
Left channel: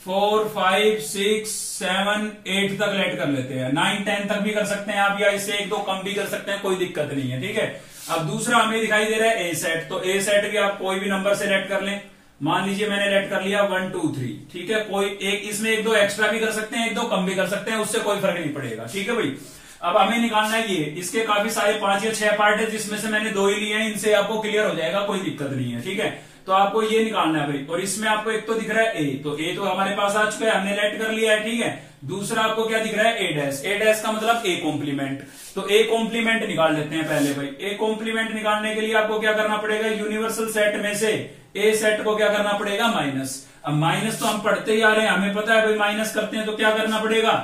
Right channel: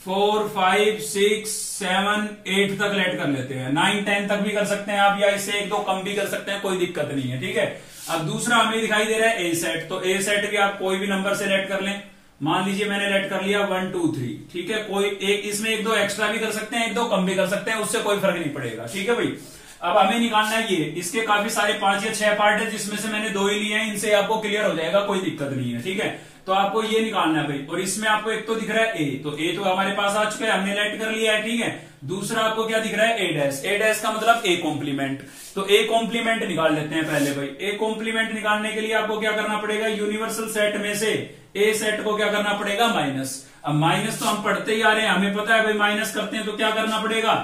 4 5 6 7 8 तक लेट कर लेते हैं। 9 10 तक भी कर सकते हैं आप, या इससे 1 2 कम भी कर सकते हैं, कोई दिक्कत नहीं है। ठीक है, अब दूसरा हमें दिखाई दे रहा है ए सेट। तो ए सेट भी आप कोई भी नंबर से लेट कर लें। मान लीजिए मैंने लेट कर लिया 1 2 3। ठीक है, कोई एक इसमें 1 2 एक्स्ट्रा भी कर सकते हैं, 1 2 कम भी कर सकते हैं, उससे कोई फर्क नहीं पड़ेगा। ठीक है भाई, अब हमें निकालना है ये, इसके काफी सारे 5 या 6 पार्ट है, जिसमें से मैंने 2 ही लिए हैं, इनसे आपको क्लियर हो जाएगा, कोई दिक्कत नहीं है। ठीक है, तो आपको ये निकालना है भाई। और इसमें आपको एक तो दिख रहा है ए, तो ए तो हमारे पास आ चुका है, हमने लेट कर लिया है। ठीक है, दूसरा आपको क्या दिख रहा है, ए डैश। ए डैश का मतलब ए कॉम्प्लीमेंट। तो ए कॉम्प्लीमेंट निकाल लेते हैं पहले भाई। ए कॉम्प्लीमेंट निकालने के लिए आपको क्या करना पड़ेगा, यूनिवर्सल सेट में से ए सेट को क्या करना पड़ेगा, माइनस। अब माइनस तो हम पढ़ते ही आ रहे हैं, हमें पता है भाई माइनस करते हैं तो क्या करना पड़ेगा,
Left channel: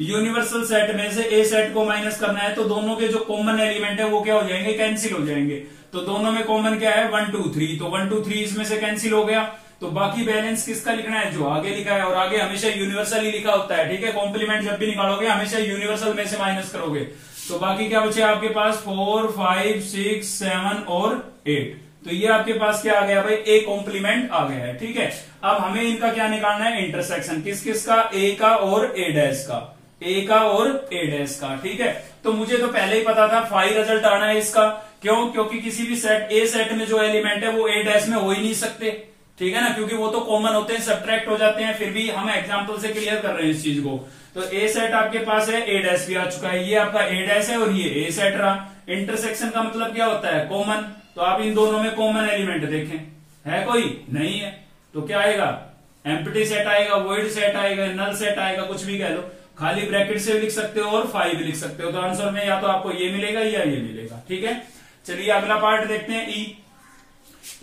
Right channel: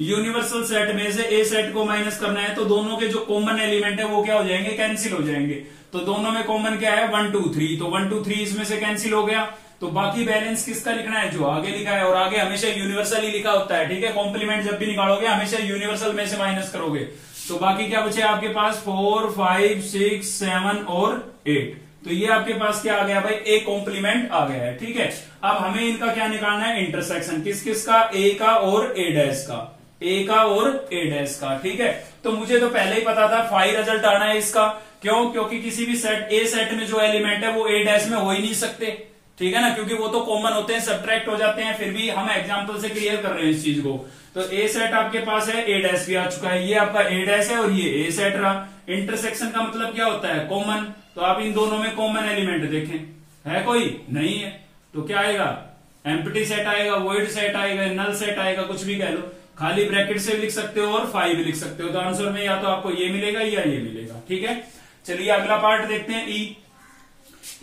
यूनिवर्सल सेट में से ए सेट को माइनस करना है। तो दोनों के जो कॉमन एलिमेंट है वो क्या हो जाएंगे, कैंसिल हो जाएंगे। तो दोनों में कॉमन क्या है, 1 2 3। तो 1 2 3 इसमें से कैंसिल हो गया। तो बाकी बैलेंस किसका लिखना है, जो आगे लिखा है, और आगे हमेशा यूनिवर्सल ही लिखा होता है। ठीक है, कॉम्प्लीमेंट जब भी निकालोगे हमेशा यूनिवर्सल में से माइनस करोगे। तो बाकी क्या बचे आपके पास, 4 5 6 7 और 8। तो ये आपके पास क्या आ गया भाई, ए कॉम्प्लीमेंट आ गया है। ठीक है, अब हमें इनका क्या निकालना है, इंटरसेक्शन। किस किस का, ए का और ए डैश का, ए का और ए डैश का। ठीक है, तो मुझे तो पहले ही पता था फाई रिजल्ट आना है इसका। क्यों, क्योंकि किसी भी सेट ए सेट में जो एलिमेंट है वो ए डैश में हो ही नहीं सकते। ठीक है ना, क्योंकि वो तो कॉमन होते हैं, सब्ट्रैक्ट हो जाते हैं। फिर भी हम एग्जांपल से क्लियर कर रहे हैं इस चीज को। तो ए सेट आपके पास है, ए डैश भी आ चुका है, ये आपका ए डैश है और ये ए सेट रहा। इंटरसेक्शन का मतलब क्या होता है, कॉमन। तो आप इन दोनों में कॉमन एलिमेंट देखें, है कोई, नहीं है, तो क्या आएगा, एम्प्टी सेट आएगा, वॉइड सेट आएगा, नल सेट आएगा, कुछ भी कह लो। खाली ब्रैकेट से लिख सकते हो और 5 भी लिख सकते हो। तो आंसर में या तो आपको ये मिलेगा या ये मिलेगा। ठीक है, चलिए अगला पार्ट देखते हैं, ई।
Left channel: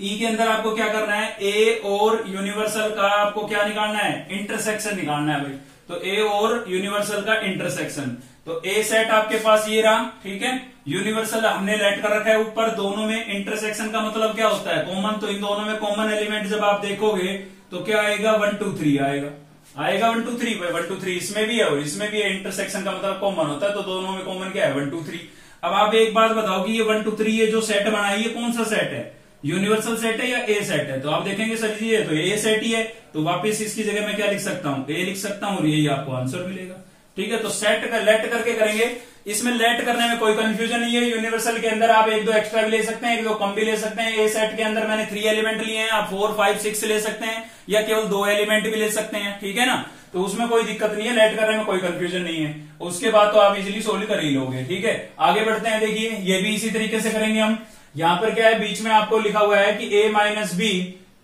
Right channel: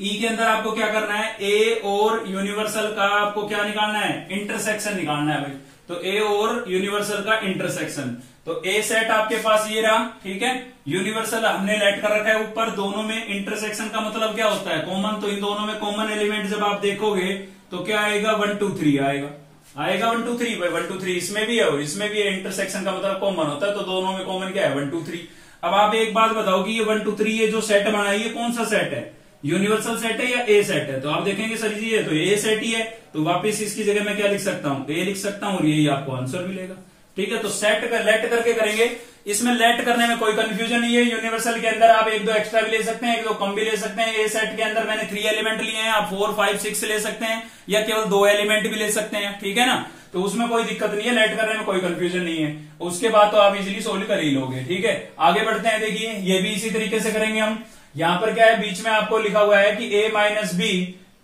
ई के अंदर आपको क्या करना है, ए और यूनिवर्सल का आपको क्या निकालना है, इंटरसेक्शन निकालना है भाई। तो ए और यूनिवर्सल का इंटरसेक्शन। तो ए सेट आपके पास ये रहा। ठीक है, यूनिवर्सल हमने लेट कर रखा है ऊपर, दोनों में इंटरसेक्शन का मतलब क्या होता है, कॉमन। तो इन दोनों में कॉमन एलिमेंट जब आप देखोगे तो क्या आएगा, 1 2 3 आएगा। 1 2 3 भाई, 1 2 3 इसमें भी है और इसमें भी है। इंटरसेक्शन का मतलब कॉमन होता है, तो दोनों में कॉमन क्या है, 1 2 3। अब आप एक बात बताओ कि ये 1 2 3 ये जो सेट बना है ये कौन सा सेट है, यूनिवर्सल सेट है या ए सेट है? तो आप देखेंगे सर जी ये तो ए सेट ही है, तो वापस इसकी जगह मैं क्या लिख सकता हूं, ए लिख सकता हूं और यही आपको आंसर मिलेगा। ठीक है, तो सेट कर लेट करके करेंगे। इसमें लेट करने में कोई कंफ्यूजन नहीं है। यूनिवर्सल के अंदर आप एक दो एक्स्ट्रा भी ले सकते हैं, एक दो कम भी ले सकते हैं। ए सेट के अंदर मैंने 3 एलिमेंट लिए हैं, आप 4, 5, 6 ले सकते हैं या केवल 2 एलिमेंट भी ले सकते हैं। ठीक है ना, तो उसमें कोई दिक्कत नहीं है, लेट करने में कोई कंफ्यूजन नहीं है। उसके बाद तो आप इजीली सोल्व कर ही लोगे। ठीक है, आगे बढ़ते हैं। देखिए ये भी इसी तरीके से करेंगे हम। यहां पर क्या है, बीच में आपको लिखा हुआ है कि a माइनस बी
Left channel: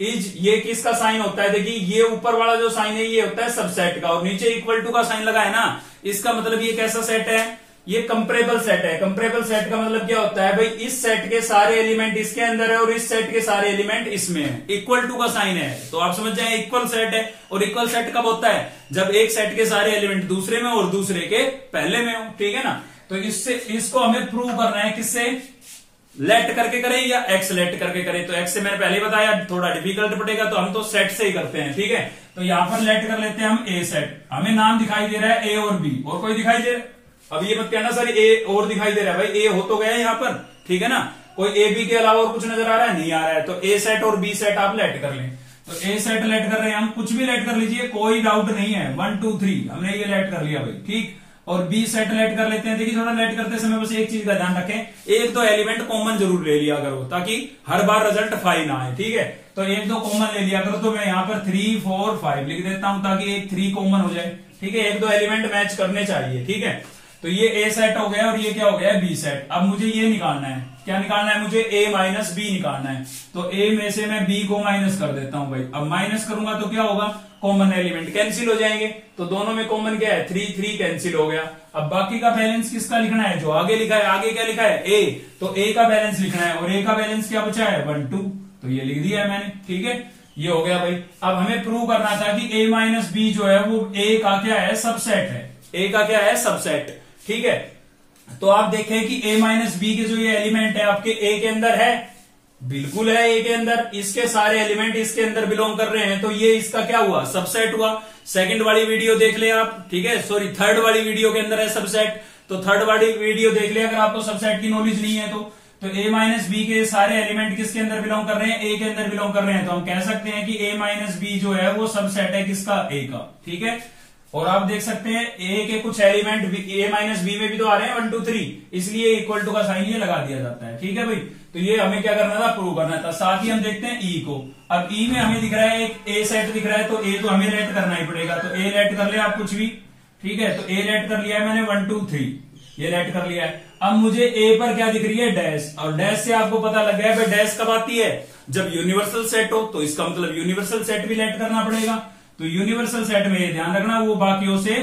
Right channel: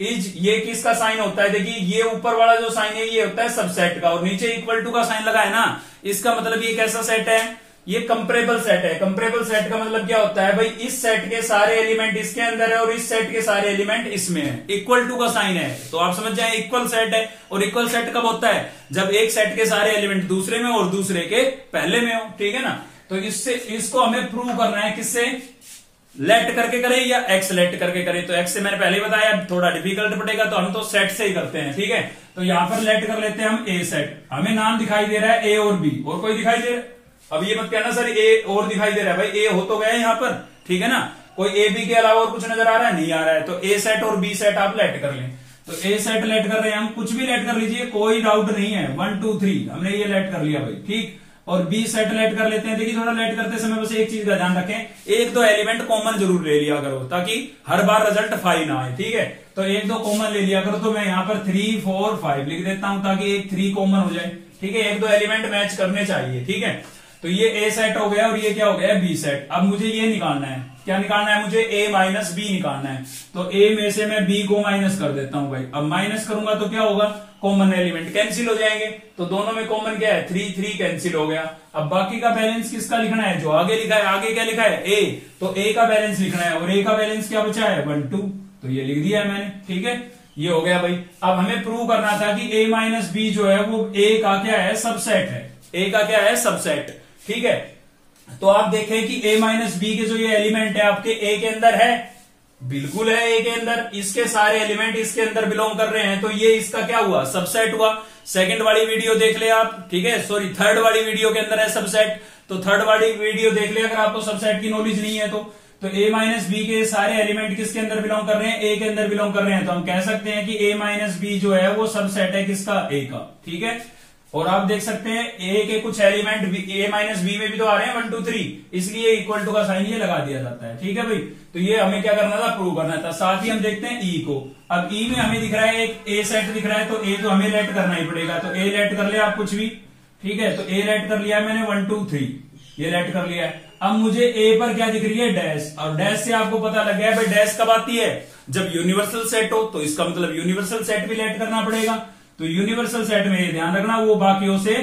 इज, ये किसका साइन होता है? देखिए ये ऊपर वाला जो साइन है ये होता है सबसेट का, और नीचे इक्वल टू का साइन लगा है ना, इसका मतलब ये कैसा सेट है? ये कंपरेबल सेट है। कंपरेबल सेट का मतलब क्या होता है भाई, इस सेट के सारे एलिमेंट इसके अंदर है और इस सेट के सारे एलिमेंट इसमें है। इक्वल टू का साइन है तो आप समझ जाए इक्वल सेट है। और इक्वल सेट कब होता है? जब एक सेट के सारे एलिमेंट दूसरे में और दूसरे के पहले में हो। ठीक है ना, तो इससे इसको हमें प्रूव करना है किससे? लेट करके करें या एक्स लेट करके करें? तो एक्स से मैंने पहले बताया थोड़ा डिफिकल्ट पड़ेगा, तो हम तो सेट से ही करते हैं। ठीक है, तो यहां पर लेट कर लेते हैं हम ए सेट। हमें नाम दिखाई दे रहा है ए और बी, और कोई दिखाई दे रहा है? अब ये मत कहना सर ए और दिखाई दे रहा है, भाई ए हो तो गया है यहां पर। ठीक है ना, कोई ए बी के अलावा और कुछ नजर आ रहा है? नहीं आ रहा है। तो ए सेट और बी सेट आप लेट कर लें। तो ए सेट लेट कर रहे हैं हम, कुछ भी लेट कर लीजिए, कोई डाउट नहीं है। 1 2 3 हमने ये लेट कर लिया भाई। ठीक, और बी सेट लेट कर लेते हैं। देखिए थोड़ा लेट करते समय बस एक चीज का ध्यान रखें, एक दो एलिमेंट कॉमन जरूर ले लिया करो ताकि हर बार रिजल्ट 5 ना आए। ठीक है, तो एक दो कॉमन ले लिया करो। तो मैं यहाँ पर 3 4 5 लिख देता हूं ताकि एक 3 कॉमन हो जाए। ठीक है, एक दो एलिमेंट मैच करने चाहिए। ठीक है, तो ये ए सेट हो गया और ये क्या हो गया है? B set. अब मुझे ये निकालना है, क्या निकालना है मुझे? ए माइनस बी निकालना है। तो ए में से मैं बी को माइनस कर देता हूं भाई। अब माइनस करूंगा तो क्या होगा? कॉमन एलिमेंट कैंसिल हो जाएंगे। तो दोनों में कॉमन क्या है? 3 3 कैंसिल हो गया। अब बाकी का बैलेंस किसका लिखना है? जो आगे लिखा है। आगे क्या लिखा है? ए, तो ए का बैलेंस लिखना है, और ए का बैलेंस क्या बचा है? 1 2, तो ये लिख दिया है मैंने। ठीक है, ये हो गया भाई। अब हमें प्रूव करना था कि ए माइनस बी जो है वो ए का क्या है? सबसेट है। ए का क्या है? सबसेट। ठीक है, तो आप देखें कि a माइनस बी के जो ये एलिमेंट है आपके a के अंदर है, बिल्कुल है a के अंदर। इसके सारे एलिमेंट इसके अंदर बिलोंग कर रहे हैं, तो ये इसका क्या हुआ? सबसेट हुआ। सेकंड वाली वीडियो देख ले आप। ठीक है, सॉरी थर्ड वाली वीडियो के अंदर है सबसेट, तो थर्ड वाली वीडियो देख ले अगर आपको सबसेट की नॉलेज नहीं है तो a माइनस बी के सारे एलिमेंट किसके अंदर बिलोंग कर रहे हैं? a के अंदर बिलोंग कर रहे हैं। तो हम कह सकते हैं कि a माइनस बी जो है वो सबसेट है किसका? a का। ठीक है, और आप देख सकते हैं ए के कुछ एलिमेंट ए माइनस बी में भी तो आ रहे हैं 1 2 3, इसलिए इक्वल टू का साइन ये लगा दिया जाता है। ठीक है भाई, तो ये हमें क्या करना था? प्रूव करना था। साथ ही हम देखते हैं ई को। अब ई में हमें दिख रहा है एक ए सेट दिख रहा है, तो ए तो हमें लेट करना ही पड़ेगा। तो ए लेट कर ले आप कुछ भी। ठीक है, तो ए लेट कर लिया मैंने 1 2 3, ये लेट कर लिया है। अब मुझे ए पर क्या दिख रही है? डैश। और डैश से आपको पता लग गया है भाई डैश कब आती है? जब यूनिवर्सल सेट हो। तो इसका मतलब यूनिवर्सल सेट भी लेट करना पड़ेगा। तो यूनिवर्सल सेट में ये ध्यान रखना वो बाकियों से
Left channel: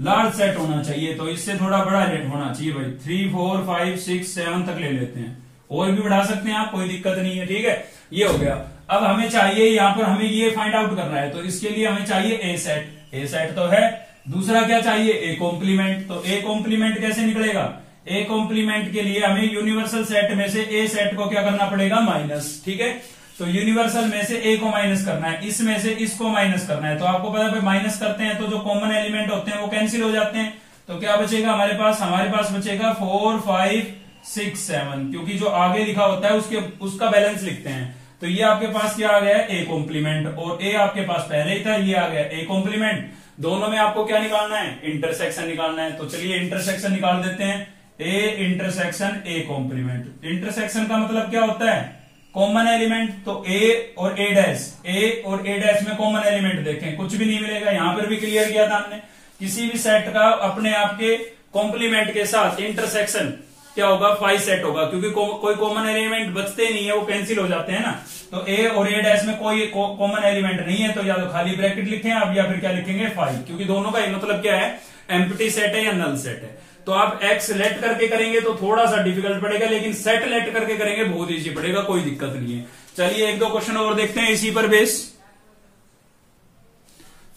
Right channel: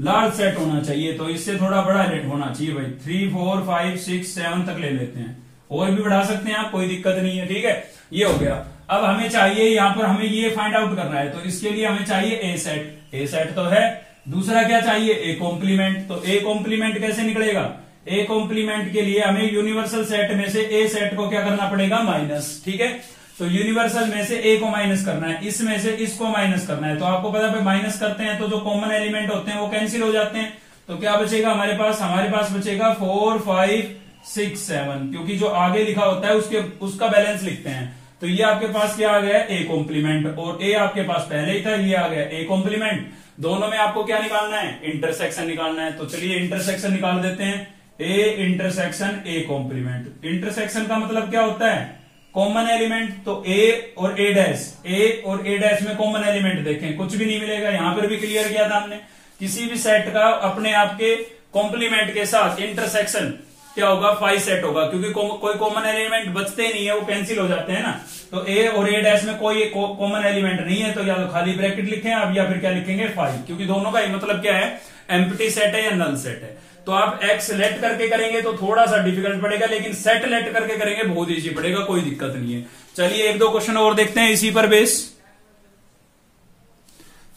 लार्ज सेट होना चाहिए, तो इससे थोड़ा बड़ा लेट होना चाहिए भाई। 3 4 5 6 7 तक ले लेते हैं, और भी बढ़ा सकते हैं आप, कोई दिक्कत नहीं है। ठीक है, ये हो गया। अब हमें चाहिए यहाँ पर हमें ये फाइंड आउट करना है, तो इसके लिए हमें चाहिए ए सेट। ए सेट तो है। दूसरा क्या चाहिए? A complement. तो ए कॉम्प्लीमेंट कैसे निकलेगा? ए कॉम्प्लीमेंट के लिए हमें यूनिवर्सल सेट में से ए सेट को क्या करना पड़ेगा? माइनस। ठीक है, तो यूनिवर्सल में से ए को माइनस करना है, इसमें से इसको माइनस करना है। तो आपको पता है माइनस करते हैं तो जो कॉमन एलिमेंट होते हैं वो कैंसिल हो जाते हैं। तो क्या बचेगा हमारे पास बचेगा 4 5 6 7, क्योंकि जो आगे लिखा होता है उसका बैलेंस लिखते हैं। तो ये आपके पास क्या आ गया? ए कॉम्प्लीमेंट, और ए आपके पास पहले ही था, ये आ गया ए कॉम्प्लीमेंट। दोनों में आपको क्या निकालना है? इंटरसेक्शन निकालना है। तो चलिए इंटरसेक्शन निकाल देते हैं। A intersection A complement. Intersection का मतलब क्या होता है? Common element. तो ए और ए डैश में कॉमन एलिमेंट देखें, कुछ भी नहीं मिलेगा। यहां पर भी क्लियर किया था हमने, किसी भी सेट का अपने आप के कॉम्प्लीमेंट के साथ इंटरसेक्शन क्या होगा? 5 सेट होगा, क्योंकि कोई कॉमन एलिमेंट बचते ही नहीं है, वो कैंसिल हो जाते हैं ना। तो ए और ए डैश में कोई कॉमन एलिमेंट नहीं है, तो या तो खाली ब्रैकेट लिखें आप, या फिर क्या लिखेंगे? 5, क्योंकि दोनों का मतलब क्या है? एम्प्टी सेट है या नल सेट है। तो आप एक्स लेट करके करेंगे तो थोड़ा सा डिफिकल्ट पड़ेगा, लेकिन सेट लेट करके करेंगे बहुत इजी पड़ेगा, कोई दिक्कत नहीं है। चलिए एक दो क्वेश्चन और देखते हैं इसी पर बेस।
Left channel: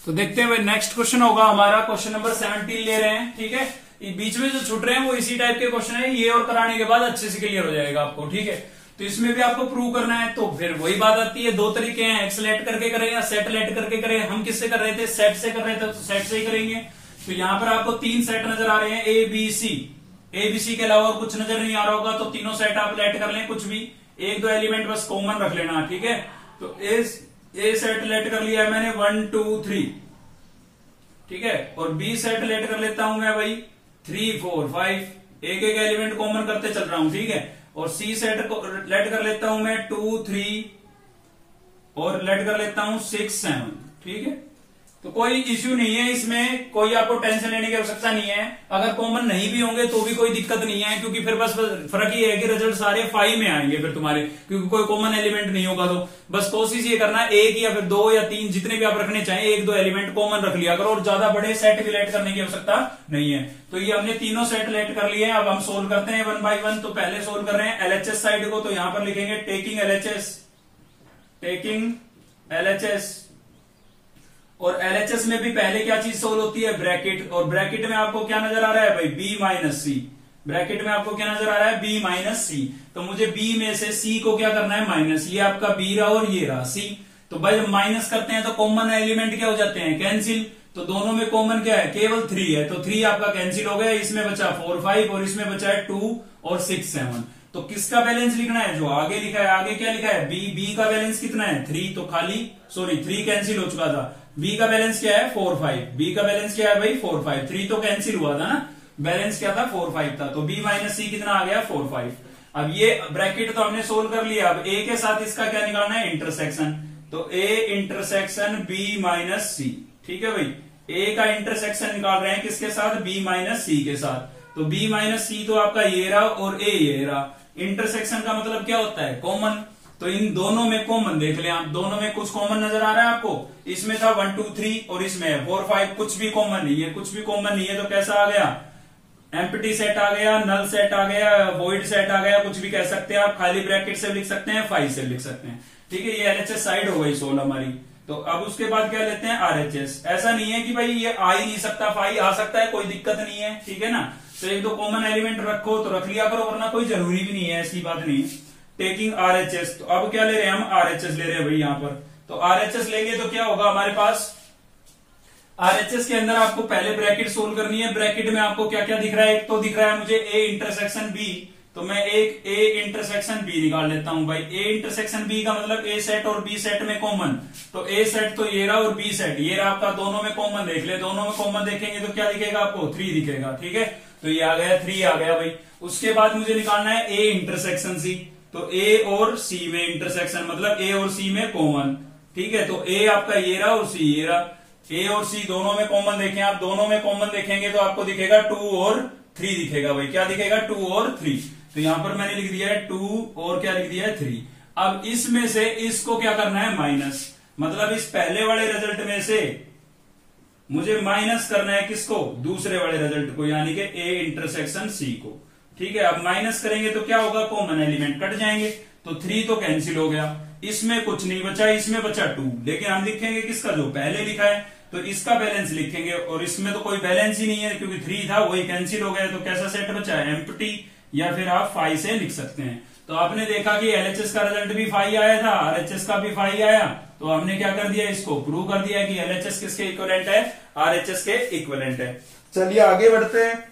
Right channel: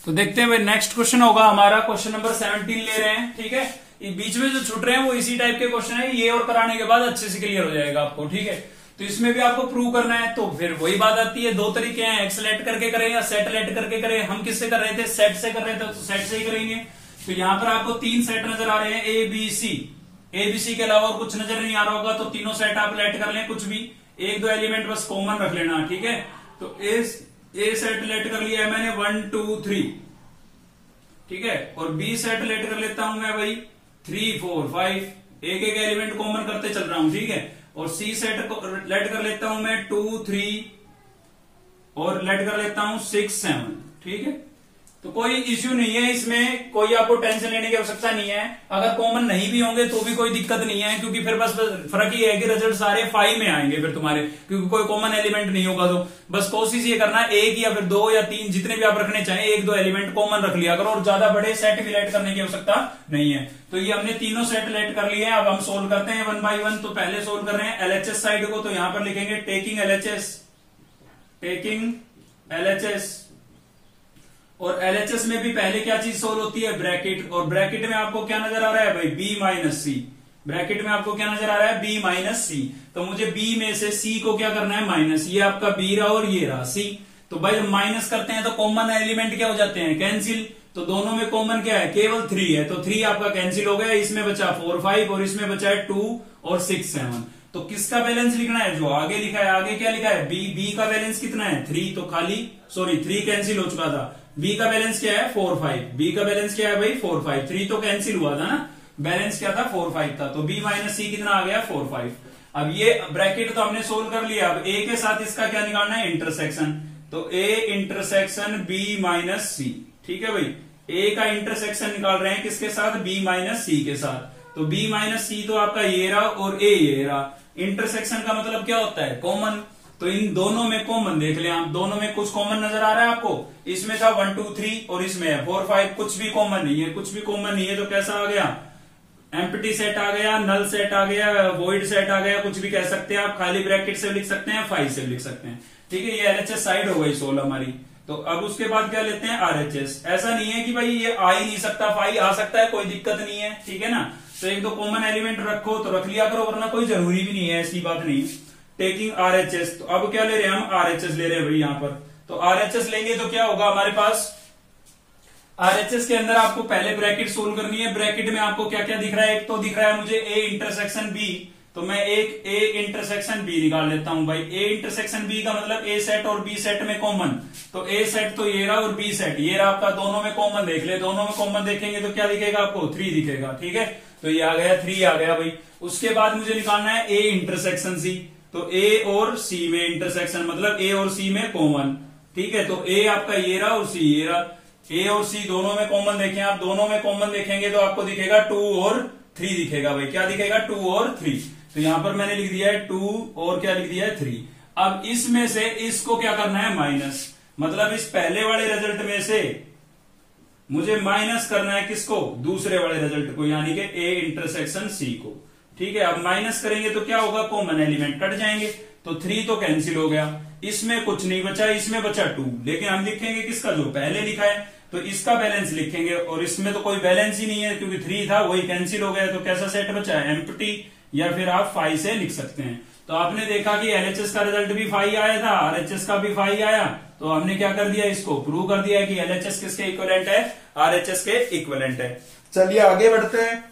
तो देखते हैं नेक्स्ट क्वेश्चन होगा हमारा क्वेश्चन नंबर 17 ले रहे हैं। ठीक है, बीच में जो छूट रहे हैं वो इसी टाइप के क्वेश्चन है, ये और कराने के बाद अच्छे से क्लियर हो जाएगा आपको। ठीक है, तो इसमें भी आपको प्रूव करना है, तो फिर वही बात आती है, दो तरीके हैं, एक्स लेट करके करें या सेट लेट करके करें। हम किससे कर रहे थे? सेट से कर रहे थे, तो सेट से ही करेंगे। तो यहां पर आपको 3 सेट नजर आ रहे हैं, ए बी सी के अलावा और कुछ नजर नहीं आ रहा होगा, तो तीनों सेट आप लेट कर लें कुछ भी। एक दो एलिमेंट बस कॉमन रख लेना, ठीक है। तो ए सेट लेट कर लिया है मैंने 1 2 3, ठीक है, और बी सेट लेट कर लेता हूं मैं भाई 3 4 5, एक एक एलिमेंट कॉमन करते चल रहा हूं, ठीक है। और सी सेट लेट कर लेता हूं मैं 2 3 और लेट कर लेता हूं 6 7, ठीक है। तो कोई इश्यू नहीं है इसमें, कोई आपको टेंशन लेने की आवश्यकता नहीं है। अगर कॉमन नहीं भी होंगे तो भी कोई दिक्कत नहीं है, क्योंकि फिर बस फर्क ये है कि रिजल्ट सारे 5 में आएंगे फिर तुम्हारे, क्योंकि कोई कॉमन एलिमेंट नहीं होगा। तो बस कोशिश ये करना है एक या फिर 2 या 3 जितने भी आप रखने चाहें, एक दो एलिमेंट कॉमन रख लिया करो, और ज्यादा बड़े सेट भी लेट करने की आवश्यकता नहीं है। तो ये हमने तीनों सेट लेट कर लिए हैं। अब हम सोल्व करते हैं 1 बाय 1। तो पहले सोल्व कर रहे हैं एलएचएस साइड को, तो यहां पर लिखेंगे टेकिंग एलएचएस। और एलएचएस में भी पहले क्या चीज सोल्व होती है, ब्रैकेट। और ब्रैकेट में आपको क्या नजर आ रहा है भाई, बी माइनस सी। ब्रैकेट में आपको क्या नजर आ रहा है, बी माइनस सी। तो मुझे बी में से सी को क्या करना है, माइनस। ये आपका बी रहा और ये रहा सी। तो भाई जब माइनस करते हैं तो कॉमन एलिमेंट क्या हो जाते हैं, कैंसिल। तो दोनों में कॉमन क्या है, केवल 3 है। तो 3 आपका कैंसिल हो गया, इसमें बचा 4 5 और इसमें बचा है 2 और 6 7। तो किसका बैलेंस लिखना है, जो आगे लिखा है। आगे क्या लिखा है, बी का बैलेंस कितना है 3, तो खाली 3 कैंसिल हो चुका था। बी का बैलेंस क्या है 4 5, बी का बैलेंस क्या है भाई 4 5, 3 तो कैंसिल हुआ था ना, बैलेंस क्या था 4 5 था। तो बी माइनस सी कितना आ गया 4 5। अब ये ब्रैकेट तो हमने सोल्व कर लिया। अब ए के साथ इसका क्या निकालना है, इंटरसेक्शन। तो ए इंटरसेक्शन बी माइनस सी, ठीक है भाई। ए का इंटरसेक्शन निकाल रहे हैं किसके साथ, बी माइनस सी के साथ। तो बी माइनस सी तो आपका ये रहा और ए ये रहा। इंटरसेक्शन का मतलब क्या होता है, कॉमन। तो इन दोनों में कॉमन देख ले आप, दोनों में कुछ कॉमन नजर आ रहा है आपको। इसमें था 1 2 3 और इसमें 4 5, कुछ भी कॉमन नहीं है, कुछ भी कॉमन नहीं है। तो कैसा आ गया, एम्प्टी सेट आ गया, नल सेट आ गया, वॉइड सेट आ गया, कुछ भी कह सकते हैं आप। खाली ब्रैकेट से लिख सकते हैं, 5 से लिख सकते हैं, ठीक है। ये एलएचएस साइड हो गई 16 हमारी। तो अब उसके बाद क्या लेते हैं, आरएचएस। ऐसा नहीं है कि भाई ये आ ही नहीं सकता, 5 आ सकता है, कोई दिक्कत नहीं है, ठीक है ना। तो एक दो कॉमन एलिमेंट रखो तो रख लिया करो, वरना कोई जरूरी भी नहीं है, ऐसी बात नहीं। टेकिंग आरएचएस, तो अब क्या ले रहे हैं हम, आरएचएस ले रहे हैं भाई यहाँ पर। तो आरएचएस लेंगे तो क्या होगा हमारे पास, आरएचएस के अंदर आपको पहले ब्रैकेट सोल्व करनी है। ब्रैकेट में आपको क्या क्या दिख रहा है, एक तो दिख रहा है मुझे ए इंटरसेक्शन बी। तो मैं एक ए इंटरसेक्शन बी निकाल लेता हूं भाई। ए इंटरसेक्शन बी का मतलब ए सेट और बी सेट में कॉमन। तो ए सेट तो ये रहा और बी सेट ये रहा आपका, दोनों में कॉमन देख ले। दोनों में कॉमन देखेंगे तो क्या दिखेगा आपको, 3 दिखेगा, ठीक है। तो ये आ गया 3 आ गया भाई। उसके बाद मुझे निकालना है ए इंटरसेक्शन सी। तो ए और सी में इंटरसेक्शन मतलब ए और सी में कॉमन, ठीक है। तो ए आपका ये रहा और सी ये रहा। ए और सी दोनों में कॉमन देखें आप, दोनों में कॉमन देखेंगे तो आपको दिखेगा 2 और 3 दिखेगा भाई। क्या दिखेगा, 2 और 3। तो यहां पर मैंने लिख दिया है 2 और क्या लिख दिया है 3। अब इसमें से इसको क्या करना है, माइनस। मतलब इस पहले वाले रिजल्ट में से मुझे माइनस करना है किसको, दूसरे वाले रिजल्ट को, यानी कि ए इंटरसेक्शन सी को, ठीक है। अब माइनस करेंगे तो क्या होगा, कॉमन एलिमेंट कट जाएंगे। तो 3 तो कैंसिल हो गया, इसमें कुछ नहीं बचा, इसमें बचा 2। लेकिन हम लिखेंगे किसका, जो पहले लिखा है, तो इसका बैलेंस लिखेंगे। और इसमें तो कोई बैलेंस ही नहीं है, क्योंकि 3 था वही कैंसिल हो गया। तो कैसा सेट बचा है, एम्प्टी, या फिर आप 5 से लिख सकते हैं। तो आपने देखा कि एलएचएस का रिजल्ट भी 5 आया था, आरएचएस का भी 5 आया। तो हमने क्या कर दिया, इसको प्रूव कर दिया कि एलएचएस किसके इक्विवेलेंट है, आरएचएस के इक्विवेलेंट है। चलिए आगे बढ़ते हैं।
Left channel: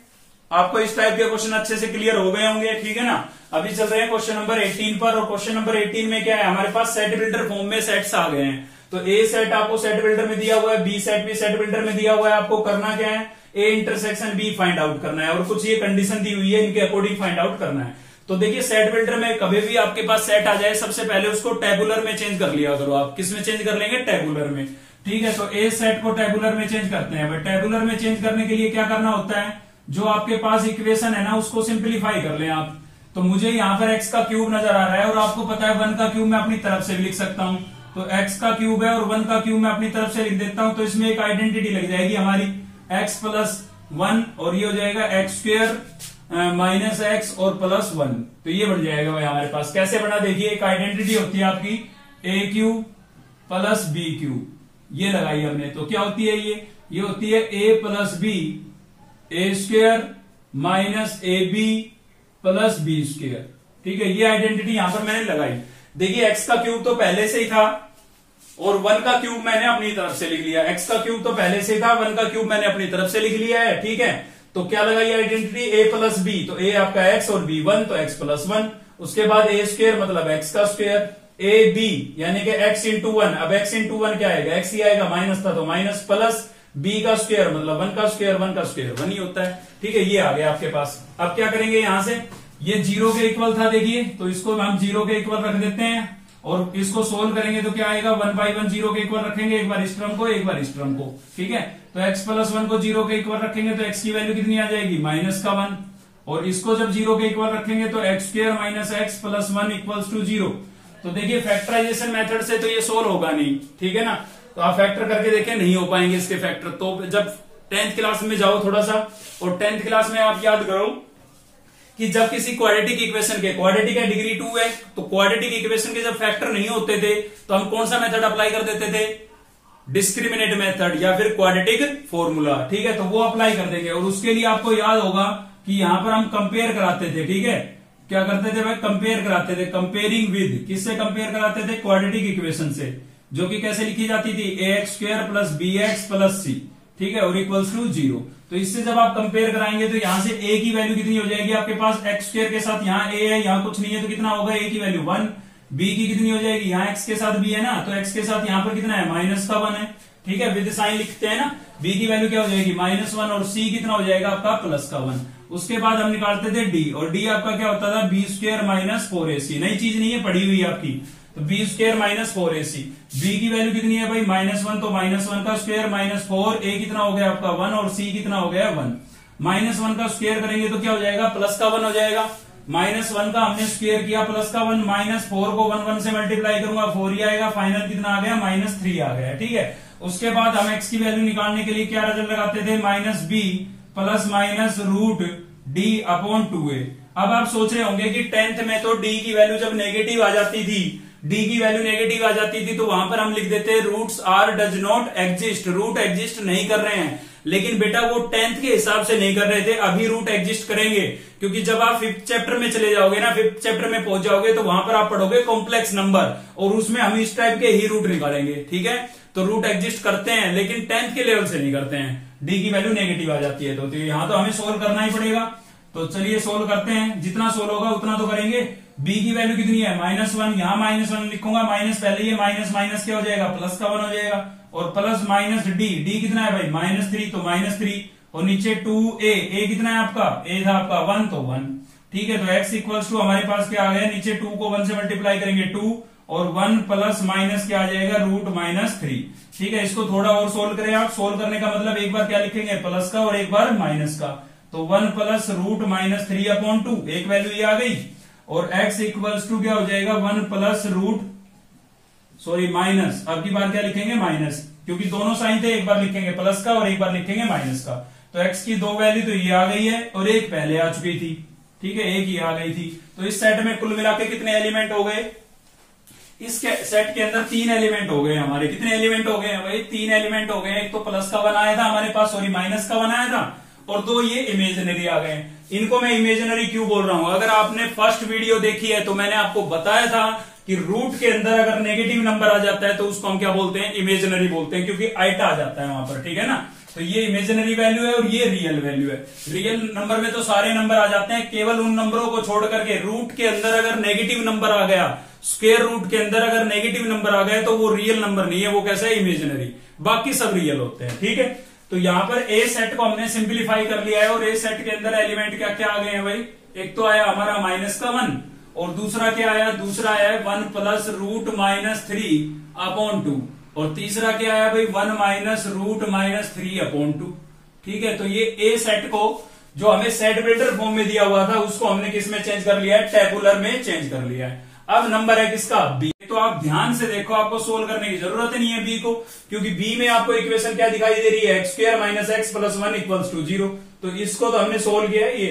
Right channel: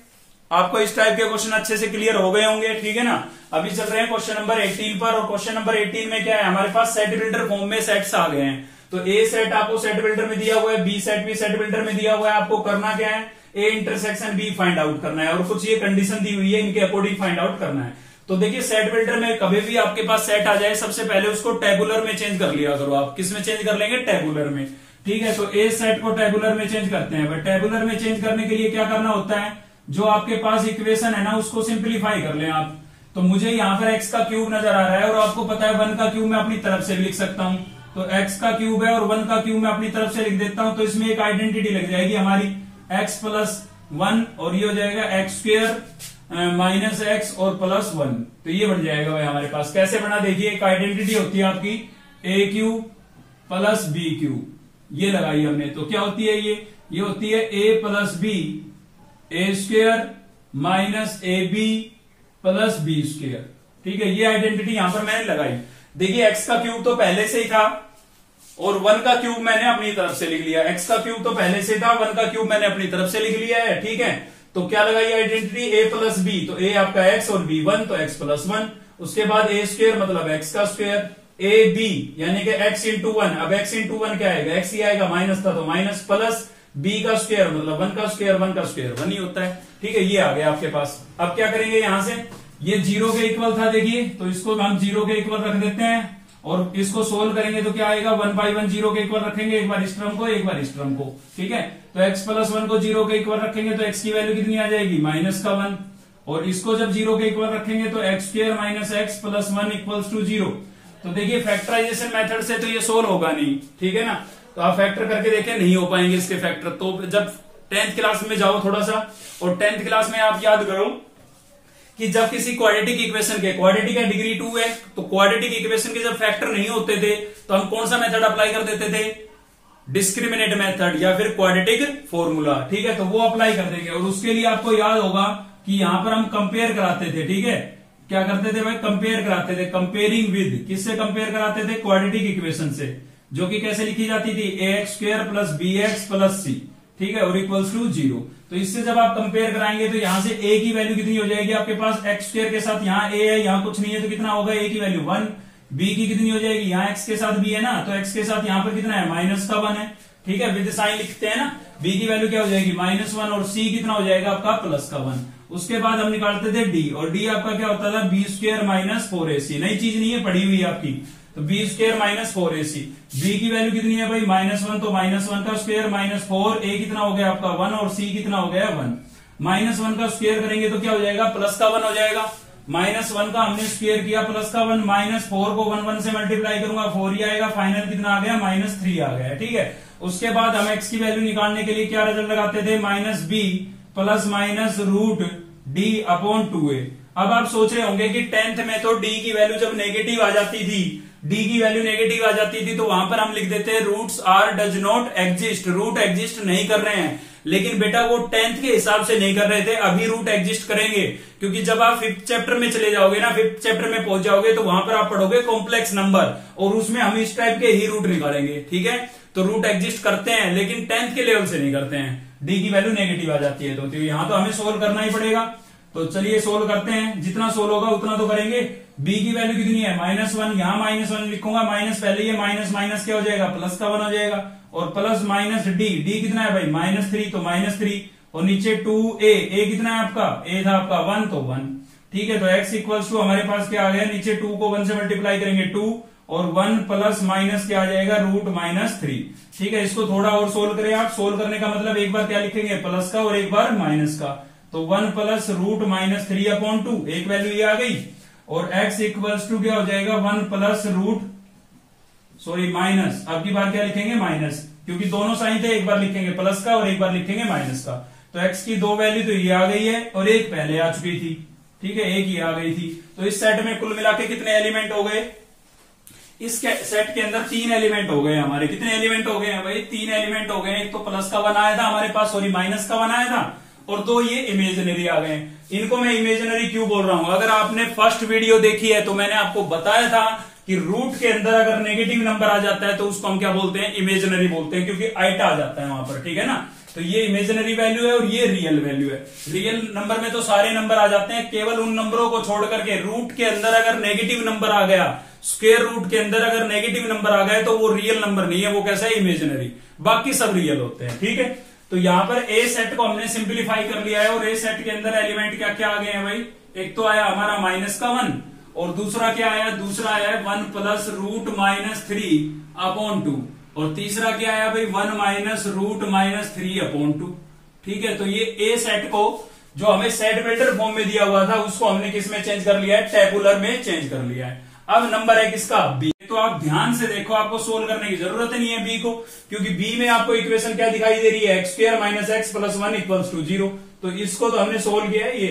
आपको इस टाइप के क्वेश्चन अच्छे से क्लियर हो गए होंगे, ठीक है ना। अभी चल रहे हैं क्वेश्चन नंबर 18 पर। और क्वेश्चन नंबर 18 में क्या है, हमारे पास सेट बिल्डर फॉर्म में सेट्स आ गए हैं। तो ए सेट आपको सेट बिल्डर में दिया हुआ है, बी सेट भी सेट बिल्डर में दिया हुआ है। आपको करना क्या है, A intersection B find out करना है, और कुछ ये कंडीशन दी हुई है, इनके अकॉर्डिंग फाइंड आउट करना है। तो देखिए सेट बिल्डर में कभी भी आपके पास सेट आ जाए, सबसे पहले उसको टेबुलर में चेंज कर लिया करो आप। किस में चेंज कर लेंगे, टेबुलर में, ठीक है। तो ए सेट को टेबुलर में चेंज करते हैं। टेबुलर में चेंज करने के लिए क्या करना होता है, जो आपके पास इक्वेशन है ना, उसको सिंप्लीफाई कर लें आप। तो मुझे यहाँ पर एक्स का क्यूब नजर आ रहा है, और आपको पता है 1 का क्यूब मैं अपनी तरफ से भी लिख सकता हूँ। तो एक्स का क्यूब है और 1 का क्यूब मैं अपनी तरफ से लिख देता हूं। तो इसमें एक आइडेंटिटी लग जाएगी हमारी, एक्स प्लस 1, और ये हो जाएगा एक्स स्क्वायर माइनस एक्स और प्लस 1। तो ये बन जाएगा भाई हमारे पास। कैसे बना, देखिए एक आइडेंटिटी होती है आपकी ए क्यूब प्लस बी क्यूब, ये लगाई हमने। तो क्या होती है ये होती है A plus B, A square minus A B plus B square, ठीक है। ये आइडेंटिटी यहां पर मैंने लगाई। देखिए एक्स का क्यूब तो पहले से ही था, और 1 का क्यूब मैंने अपनी तरफ से लिख लिया। एक्स का क्यूब तो पहले से था, 1 का क्यूब मैंने अपनी तरफ से लिख लिया है, ठीक है। तो क्या लगाई आइडेंटिटी, ए प्लस बी। तो ए आपका एक्स और बी 1, तो एक्स प्लस 1। उसके बाद ए स्क्वायर मतलब एक्स का स्क्वायर, ए बी यानी कि एक्स इंटू वन, अब एक्स इंटू वन क्या आएगा, एक्स ही आएगा, माइनस था तो माइनस, प्लस बी का स्क्वायर मतलब वन का स्क्वायर, वन का स्क्वायर वन ही होता है। ठीक है, ये आ गया आपके पास। अब क्या करेंगे, यहां से ये जीरो के इक्वल था देखिए, तो इसको हम जीरो के इक्वल रख देते हैं और इसको सोल्व करेंगे तो क्या आएगा, वन बाई वन जीरो के इक्वल रखेंगे, एक बार इस टर्म को एक बार इस टर्म को। ठीक है, तो एक्स प्लस वन को जीरो के इक्वल रखेंगे तो एक्स की वैल्यू कितनी आ जाएगी, माइनस का वन, और इसको जब जीरो के इक्वल रखेंगे तो x square minus x plus one equals to zero. तो देखिए फैक्टराइजेशन मेथड से तो ये सोल्व होगा नहीं, ठीक है ना, तो आप फैक्टर करके देखें, नहीं हो पाएंगे इसके फैक्टर। तो जब 10th क्लास में जाओ थोड़ा सा, और 10th क्लास में आप याद करो कि जब किसी क्वाड्रेटिक इक्वेशन के, क्वाड्रेटिक है डिग्री 2 है, तो क्वाड्रेटिक इक्वेशन के जब फैक्टर नहीं होते थे तो हम कौन सा मेथड अप्लाई कर देते थे, डिस्क्रिमिनेट मेथड या फिर क्वाड्रेटिक फॉर्मूला। ठीक है, तो वो अप्लाई कर देंगे। और उसके लिए आपको याद होगा कि यहां पर हम कंपेयर कराते थे। ठीक है, क्या करते थे भाई, कंपेयर कराते थे, कंपेयरिंग विद, किससे कंपेयर कराते थे, क्वाड्रेटिक इक्वेशन से, जो कि कैसे लिखी जाती थी, A x square plus B x plus C, ठीक है, और इक्वल्स टू जीरो। तो इससे जब आप कंपेयर कराएंगे तो यहां से ए की वैल्यू कितनी हो जाएगी आपके पास, एक्स स्क्वायर के साथ यहाँ ए है, यहाँ कुछ नहीं है तो कितना होगा, ए की वैल्यू 1, बी की कितनी हो जाएगी, यहाँ एक्स के साथ बी है ना, तो एक्स के साथ यहाँ पर कितना है, माइनस का 1 है। ठीक है, विद साइन लिखते हैं ना, बी की वैल्यू क्या हो जाएगी, -1, और सी कितना हो जाएगा आपका, प्लस का 1। उसके बाद हम निकालते थे डी, और डी आपका क्या होता था, बी स्क्वायर माइनस 4ac, नई चीज नहीं है, पढ़ी हुई है आपकी, तो B square minus 4ac, B की वैल्यू कितनी है भाई, -1, तो -1 का स्क्वायर माइनस 4, ए कितना हो गया आपका 1, और सी कितना हो गया 1, -1 का स्क्वायर करेंगे तो क्या हो जाएगा, प्लस का 1 हो जाएगा, -1 का हमने स्क्वायर किया, प्लस का 1, -4 को 1 से मल्टीप्लाई करूंगा 4 ही आएगा, फाइनल कितना आ गया, -3 आ गया। ठीक है, उसके बाद हम x की वैल्यू निकालने के लिए क्या रिजल्ट लगाते थे, -b plus minus root d upon 2a। अब आप सोच रहे होंगे कि 10th में तो d की वैल्यू जब नेगेटिव आ जाती थी, d की वैल्यू नेगेटिव आ जाती थी तो वहां पर हम लिख देते roots are does not exist, root exist नहीं कर रहे हैं। लेकिन बेटा वो 10th के हिसाब से नहीं कर रहे थे, अभी रूट एग्जिस्ट करेंगे, क्योंकि जब आप 5th चैप्टर में चले जाओगे ना, 5th चैप्टर में पहुंच जाओगे तो वहां पर आप पढ़ोगे कॉम्प्लेक्स नंबर, और उसमें हम इस टाइप के ही रूट निकालेंगे। ठीक है, तो रूट एग्जिस्ट करते हैं लेकिन 10th के लेवल से नहीं करते हैं, डी की वैल्यू नेगेटिव आ जाती है, तो यहां तो हमें सोल्व करना ही पड़ेगा। तो चलिए सोल्व करते हैं, जितना सोल्व होगा उतना तो करेंगे। बी की वैल्यू कितनी है, -1, यहां -1 लिखूंगा, माइनस पहले ये माइनस क्या हो जाएगा, प्लस का 1 हो जाएगा, और प्लस माइनस डी, डी कितना है भाई, -3, तो -3, और नीचे 2a, ए कितना है आपका, ए था आपका 1, तो 1। ठीक है, तो x इक्वल्स टू हमारे पास क्या आ गया, नीचे 2 को 1 से मल्टीप्लाई करेंगे 2, और 1 प्लस माइनस क्या आ जाएगा, रूट -3। ठीक है, इसको थोड़ा और सोल्व करें आप, सोल्व करने का मतलब एक बार क्या लिखेंगे, प्लस का और एक बार माइनस का, तो 1 प्लस रूट -3 अपॉन 2, एक वैल्यू ये आ गई, और x इक्वल्स टू क्या हो जाएगा, 1 प्लस रूट माइनस, अब की बार क्या लिखेंगे, माइनस, क्योंकि दोनों साइन थे, एक बार लिखेंगे प्लस का और एक बार लिखेंगे माइनस का। तो x की 2 वैल्यू तो ये आ गई है और एक पहले आ चुकी थी। ठीक है, एक ही आ गई थी, तो इस सेट में कुल मिला के कितने एलिमेंट हो गए, इस सेट के अंदर 3 एलिमेंट हो गए हमारे। कितने एलिमेंट हो गए हैं भाई, 3 एलिमेंट हो गए। एक तो प्लस का 1 आया था हमारे पास, सॉरी माइनस का 1 आया था, और 2 ये इमेजिनरी आ गए। इनको मैं इमेजिनरी क्यों बोल रहा हूं, अगर आपने फर्स्ट वीडियो देखी है तो मैंने आपको बताया था कि रूट के अंदर अगर नेगेटिव नंबर आ जाता है तो उसको हम क्या बोलते हैं, इमेजिनरी बोलते हैं, क्योंकि आइटा आ जाता है वहां पर। ठीक है ना, तो ये इमेजिनरी वैल्यू है और ये रियल वैल्यू है। रियल नंबर में तो सारे नंबर आ जाते हैं, केवल उन नंबरों को छोड़ करके रूट के अंदर अगर नेगेटिव नंबर आ गया, स्क्वायर रूट के अंदर अगर नेगेटिव नंबर आ गए तो वो रियल नंबर नहीं है, वो कैसा है, इमेजिनरी, बाकी सब रियल होते हैं। ठीक है, तो यहां पर ए सेट को हमने सिंप्लीफाई कर लिया है, और ए सेट के अंदर एलिमेंट क्या क्या आ गए हैं भाई, एक तो आया हमारा माइनस का 1, और दूसरा क्या आया, दूसरा आया 1 प्लस रूट -3 अपॉन 2, और तीसरा क्या आया भाई, 1 माइनस रूट -3 अपॉन 2। ठीक है, तो ये ए सेट को जो हमें सेट बिल्डर फॉर्म में दिया हुआ था उसको हमने किस में चेंज कर लिया है, टेबुलर में चेंज कर लिया है। अब नंबर है किसका, बी। तो आप ध्यान से देखो, आपको सोल्व करने की जरूरत नहीं है बी को, क्योंकि बी में आपको इक्वेशन क्या दिखाई दे रही है, x square minus x plus 1 equals to 0। तो इसको तो हमने सोल्व किया है, ये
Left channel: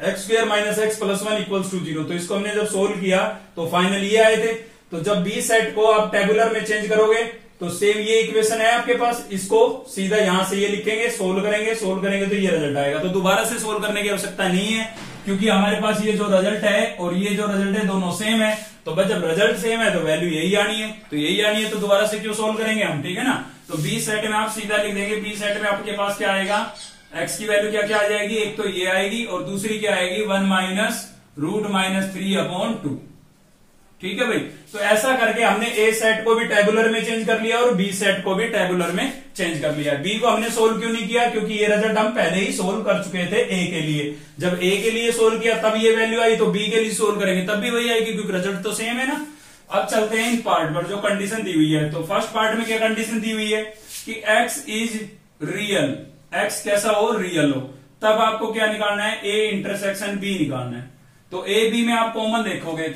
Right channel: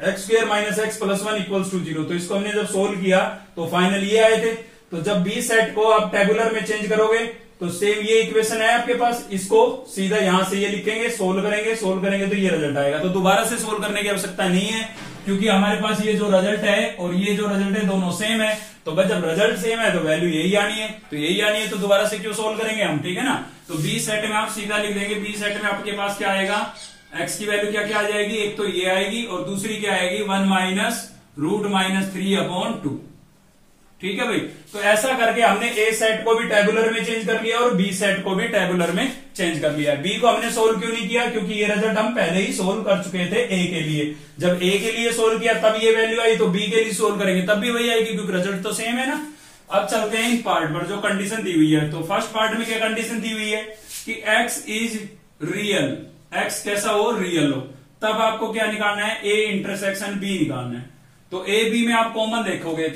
x square minus x plus 1 equals to 0, तो इसको हमने जब सोल्व किया तो फाइनल ये आए थे। तो जब बी सेट को आप टेबुलर में चेंज करोगे तो सेम ये इक्वेशन है आपके पास, इसको सीधा यहां से ये लिखेंगे, सोल्व करेंगे तो ये रिजल्ट आएगा। तो दोबारा से सोल्व करने की आवश्यकता नहीं है, क्योंकि हमारे पास ये जो रिजल्ट है और ये जो रिजल्ट है दोनों सेम है। तो बस जब रिजल्ट सेम है तो वैल्यू यही आनी है, तो यही आनी है, तो दोबारा से क्यों सोल्व करेंगे हम। ठीक है ना, तो बी सेट में आप सीधा लिख देंगे, बी सेट में आपके पास क्या आएगा, एक्स की वैल्यू क्या क्या आ जाएगी, एक तो ये आएगी और दूसरी क्या आएगी, 1 माइनस √-3/2। ठीक है भाई। तो ऐसा करके हमने ए सेट को भी टेबुलर में चेंज कर लिया और बी सेट को भी टेबुलर में चेंज कर लिया। बी को हमने सोल्व क्यों नहीं किया, क्योंकि ये रिजल्ट हम पहले ही सोल्व कर चुके थे ए के लिए। जब ए के लिए सोल्व किया तब ये वैल्यू आई, तो बी के लिए सोल्व करेंगे तब भी वही आएगी, क्योंकि रिजल्ट तो सेम है ना। अब चलते हैं इन पार्ट पर जो कंडीशन दी हुई है। तो फर्स्ट पार्ट में क्या कंडीशन दी हुई है कि x इज रियल, x कैसा हो, रियल हो। तब आपको क्या निकालना है, ए इंटरसेक्शन बी निकालना है। तो ए बी में आप कॉमन देखोगे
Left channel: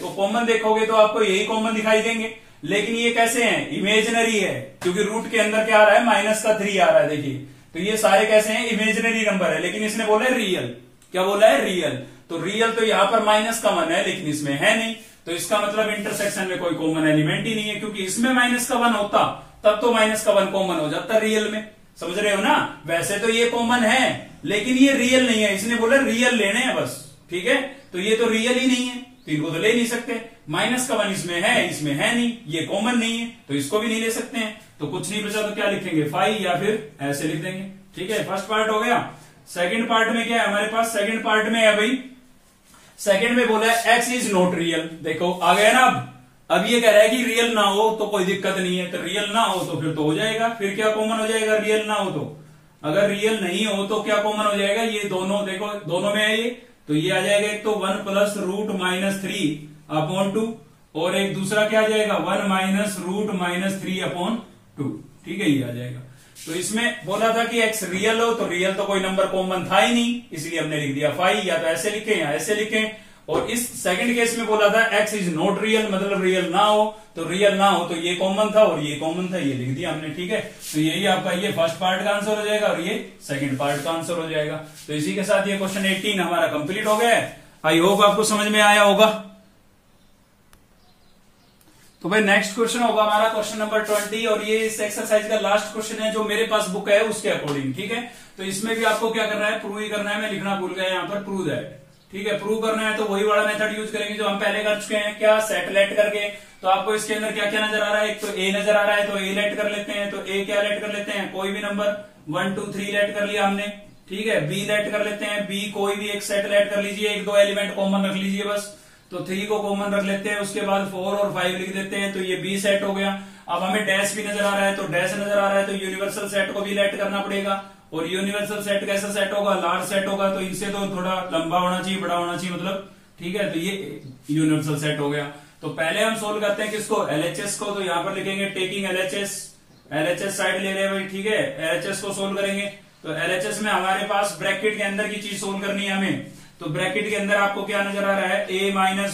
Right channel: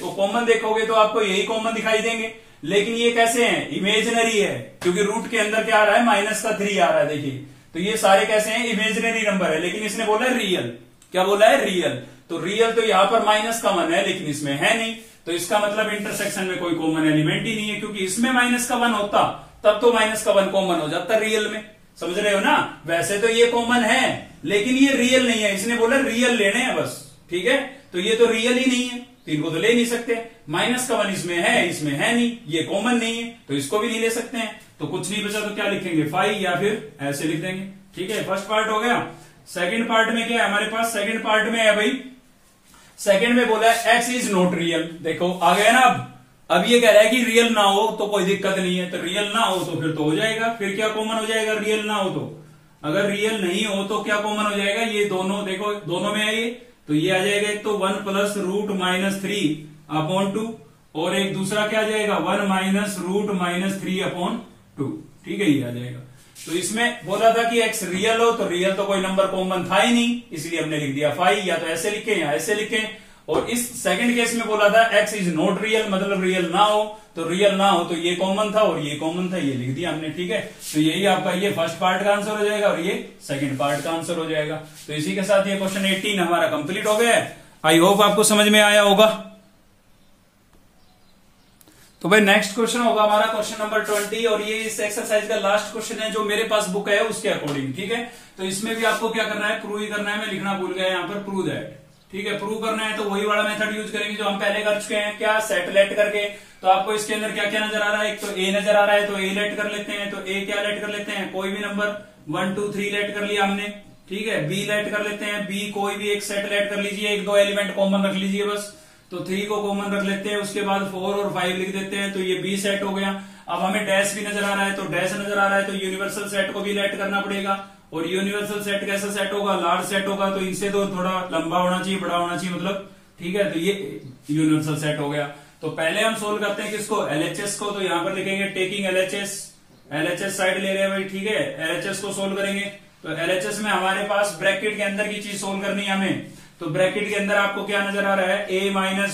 तो आपको यही कॉमन दिखाई देंगे, लेकिन ये कैसे हैं, इमेजिनरी है, क्योंकि रूट के अंदर क्या आ रहा है, -3 आ रहा है। देखिए तो ये सारे कैसे हैं, इमेजिनरी नंबर है, लेकिन इसने बोला है रियल। क्या बोला है, रियल। तो रियल तो यहां पर माइनस का 1 है, लेकिन इसमें है नहीं, तो इसका मतलब इंटरसेक्शन में कोई कॉमन एलिमेंट ही नहीं है, क्योंकि इसमें -1 होता तब तो -1 कॉमन हो जाता रियल में। समझ रहे हो ना। वैसे तो ये कॉमन है लेकिन ये रियल नहीं है, इसने बोला रियल लेने हैं बस। ठीक है, तो ये तो रियल ही नहीं है, तो इनको तो ले नहीं सकते। -1 इसमें है नहीं, ये कॉमन नहीं है, तो इसको भी नहीं ले सकते हैं। तो कुछ नहीं बचा तो क्या लिखेंगे, 5 या फिर ऐसे लिख देंगे। ठीक है, फर्स्ट पार्ट हो गया। सेकंड पार्ट में क्या है हमारे पास, सेकंड पार्ट में है भाई, सेकंड में बोला है x इज नॉट रियल। देखो आ गया ना। अब ये कह रहा है कि रियल ना हो तो कोई दिक्कत नहीं है, तो रियल ना हो तो फिर तो हो जाएगा। फिर क्या कॉमन हो जाएगा, रियल ना हो तो, अगर रियल नहीं हो तो क्या कॉमन हो जाएगा, ये दोनों देखो दोनों में है ये, तो ये आ जाएगा एक तो 1 + √-3/2 और एक दूसरा क्या आ जाएगा 1 - √-3/2। ठीक है, ये आ जाएगा। तो इसमें बोला था कि x रियल हो, तो रियल तो कोई नंबर कॉमन था ही नहीं, इसलिए हमने लिख दिया 5। या तो ऐसे लिखें या ऐसे लिखें। और इस सेकंड केस में बोला था x इज नॉट रियल, मतलब रियल ना हो, तो रियल ना हो तो ये कॉमन था और ये कॉमन था, ये लिख दिया हमने। ठीक है, तो यही आपका ये फर्स्ट पार्ट का आंसर हो जाएगा और ये सेकंड पार्ट का आंसर हो जाएगा। तो इसी के साथ ये क्वेश्चन 18 हमारा कंप्लीट हो गया है। आई होप आपको समझ में आया होगा। तो भाई नेक्स्ट क्वेश्चन होगा हमारा क्वेश्चन नंबर 20, और ये इस एक्सरसाइज का लास्ट क्वेश्चन है जो मेरे पास बुक है उसके अकॉर्डिंग। ठीक है, तो इसमें भी आपको क्या करना है, प्रूव ही करना है। मैं लिखना भूल गया यहाँ पर, प्रूव दैट। ठीक है, प्रूव करना है तो वही वाला मेथड यूज करेंगे जो हम पहले कर चुके हैं। क्या, सेट लेट करके। तो आपको इसके अंदर क्या क्या नजर आ रहा है, एक तो ए नजर आ रहा है, तो ए लेट कर लेते हैं। तो ए क्या लेट कर लेते हैं, कोई भी नंबर 1 2 3 लेट कर लिया हमने। ठीक है, बी लेट कर लेते हैं, बी कोई भी एक सेट लेट कर लीजिए, 1 2 एलिमेंट कॉमन रख लीजिए बस। तो 3 को कॉमन रख लेते हैं, उसके बाद 4 और 5 लिख देते हैं, तो ये बी सेट हो गया। अब हमें डैश भी नजर आ रहा है, तो डैश नजर आ रहा है, तो यूनिवर्सल सेट को भी लेट करना पड़ेगा। और यूनिवर्सल सेट कैसा सेट होगा, लार्ज सेट होगा, तो इनसे तो थोड़ा लंबा होना चाहिए, बड़ा होना चाहिए मतलब। ठीक है, तो ये यूनिवर्सल सेट हो गया। तो पहले हम सोल्व करते हैं किसको, एलएचएस को। तो यहां पर लिखेंगे टेकिंग एलएचएस, एलएचएस साइड ले रहे हैं भाई। ठीक है, एलएचएस को सोल्व करेंगे। तो एलएचएस में हमारे पास ब्रैकेट के अंदर की चीज सोल्व करनी है हमें। तो ब्रैकेट के अंदर आपको क्या नजर आ रहा है, a -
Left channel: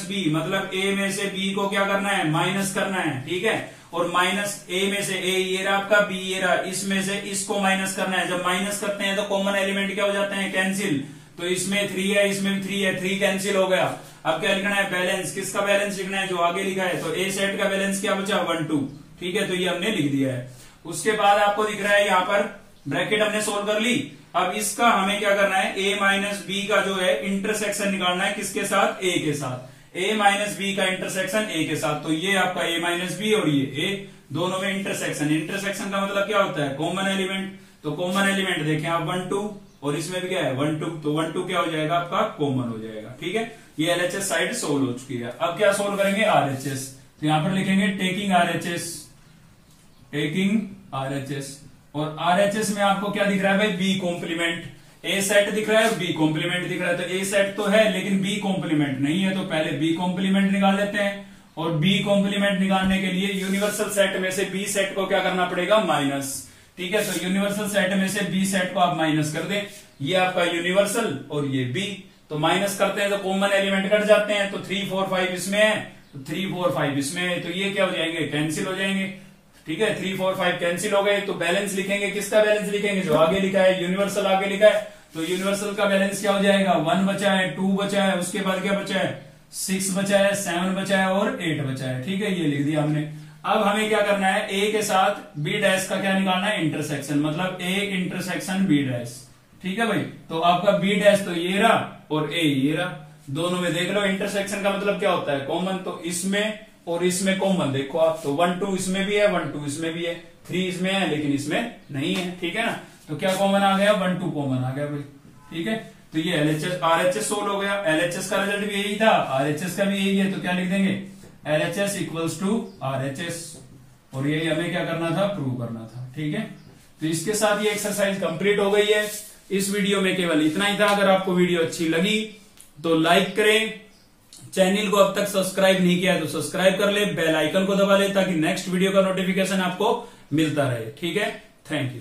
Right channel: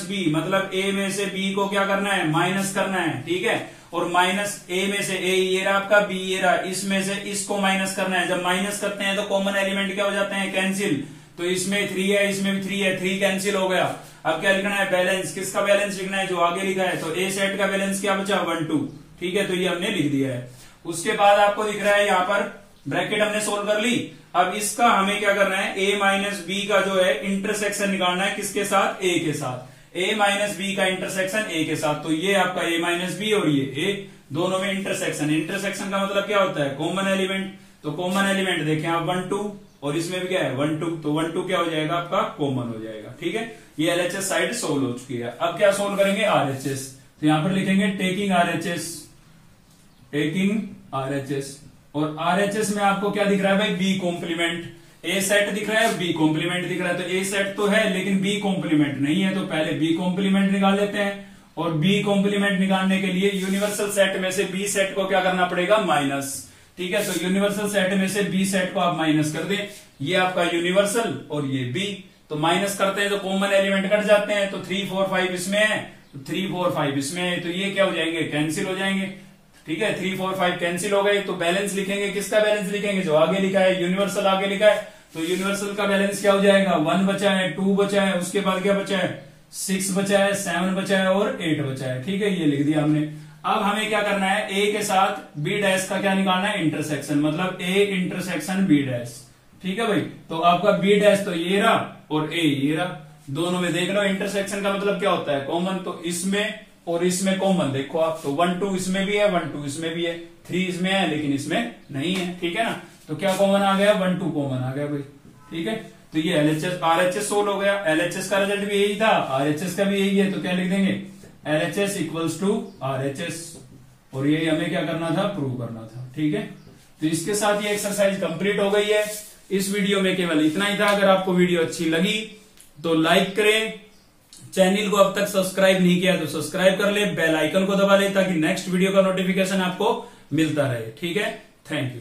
b, मतलब a में से b को क्या करना है, माइनस करना है। ठीक है, और माइनस a में से a ये रहा आपका, b ये रहा, इसमें से इसको माइनस करना है। जब माइनस करते हैं तो कॉमन एलिमेंट क्या हो जाते हैं, कैंसिल। तो इसमें 3 है, इसमें भी 3 है, 3 कैंसिल हो गया। अब क्या लिखना है, बैलेंस। किसका बैलेंस लिखना है, जो आगे लिखा है। तो a सेट का बैलेंस क्या बचा, 1 2। ठीक है, तो ये हमने लिख दिया है। उसके बाद आपको दिख रहा है यहाँ पर ब्रैकेट हमने सोल्व कर ली। अब इसका हमें क्या करना है, a - b का जो है इंटरसेक्शन निकालना है, किसके साथ, a के साथ। a - b का इंटरसेक्शन a के साथ। तो ये आपका a - b और ये a, दोनों में इंटरसेक्शन। इंटरसेक्शन का मतलब क्या होता है, कॉमन एलिमेंट। तो कॉमन एलिमेंट देखें आप 1 2, और इसमें भी क्या है 1 2, तो 1 2 क्या हो जाएगा आपका, कॉमन हो जाएगा। ठीक है, ये एलएचएस साइड सोल्व हो चुकी है। अब क्या सोल्व करेंगे, आरएचएस। तो यहां पर लिखेंगे टेकिंग आरएचएस, टेकिंग आरएचएस। और आरएचएस में आपको क्या दिख रहा है भाई, बी कॉम्प्लीमेंट। ए सेट दिख रहा है, बी कॉम्प्लीमेंट दिख रहा है। तो ए सेट तो है लेकिन बी कॉम्प्लीमेंट नहीं है, तो पहले बी कॉम्प्लीमेंट निकाल लेते हैं। और बी कॉम्प्लीमेंट निकालने के लिए यूनिवर्सल सेट में से बी सेट को क्या करना पड़ेगा, माइनस। ठीक है, तो यूनिवर्सल सेट में से बी सेट को आप माइनस कर दें। ये आपका यूनिवर्सल और ये बी, तो माइनस करते हैं तो कॉमन एलिमेंट कट जाते हैं। तो 3 4 5 इसमें है, तो 3 4 5 इसमें है, तो ये क्या हो जाएंगे, कैंसिल हो जाएंगे। ठीक है, 3 4 5 कैंसिल हो गए। तो बैलेंस लिखेंगे, किसका बैलेंस लिखेंगे, जो आगे लिखा है, यूनिवर्सल आगे लिखा है। तो यूनिवर्सल का बैलेंस क्या हो जाएगा, 1 बचा है, 2 बचा है, उसके बाद क्या बचा है, 6 बचा है, 7 बचा है और 8 बचा है। ठीक है, ये लिख दिया हमने। अब हमें क्या करना है, ए के साथ बी डैश का क्या निकालना है, इंटरसेक्शन, मतलब ए इंटरसेक्शन बी डैश। ठीक है भाई, तो आपका बी डैश तो ये रहा और ए ये रहा, दोनों में देख लो। इंटरसेक्शन का मतलब क्या होता है, कॉमन। तो इसमें और इसमें कॉमन देखो आप, तो 1 2 इसमें भी है, 1 2 इसमें भी है, 3 इसमें है लेकिन इसमें नहीं है। ठीक है ना, तो क्या कॉमन आ गया, 1 2 कॉमन आ गया भाई। ठीक है, तो ये LHS RHS सोल्व हो गया। LHS का रिजल्ट भी यही था, RHS का भी यही है, तो क्या लिख देंगे LHS इक्वल्स टू RHS, और यही हमें क्या करना था, प्रूव करना था। ठीक है, तो इसके साथ ये एक्सरसाइज कंप्लीट हो गई है। इस वीडियो में केवल इतना ही था। अगर आपको वीडियो अच्छी लगी तो लाइक करें, चैनल को अब तक सब्सक्राइब नहीं किया तो सब्सक्राइब कर ले, बेल आइकन को दबा ले ताकि नेक्स्ट वीडियो का नोटिफिकेशन आपको मिलता रहे। ठीक है, थैंक यू।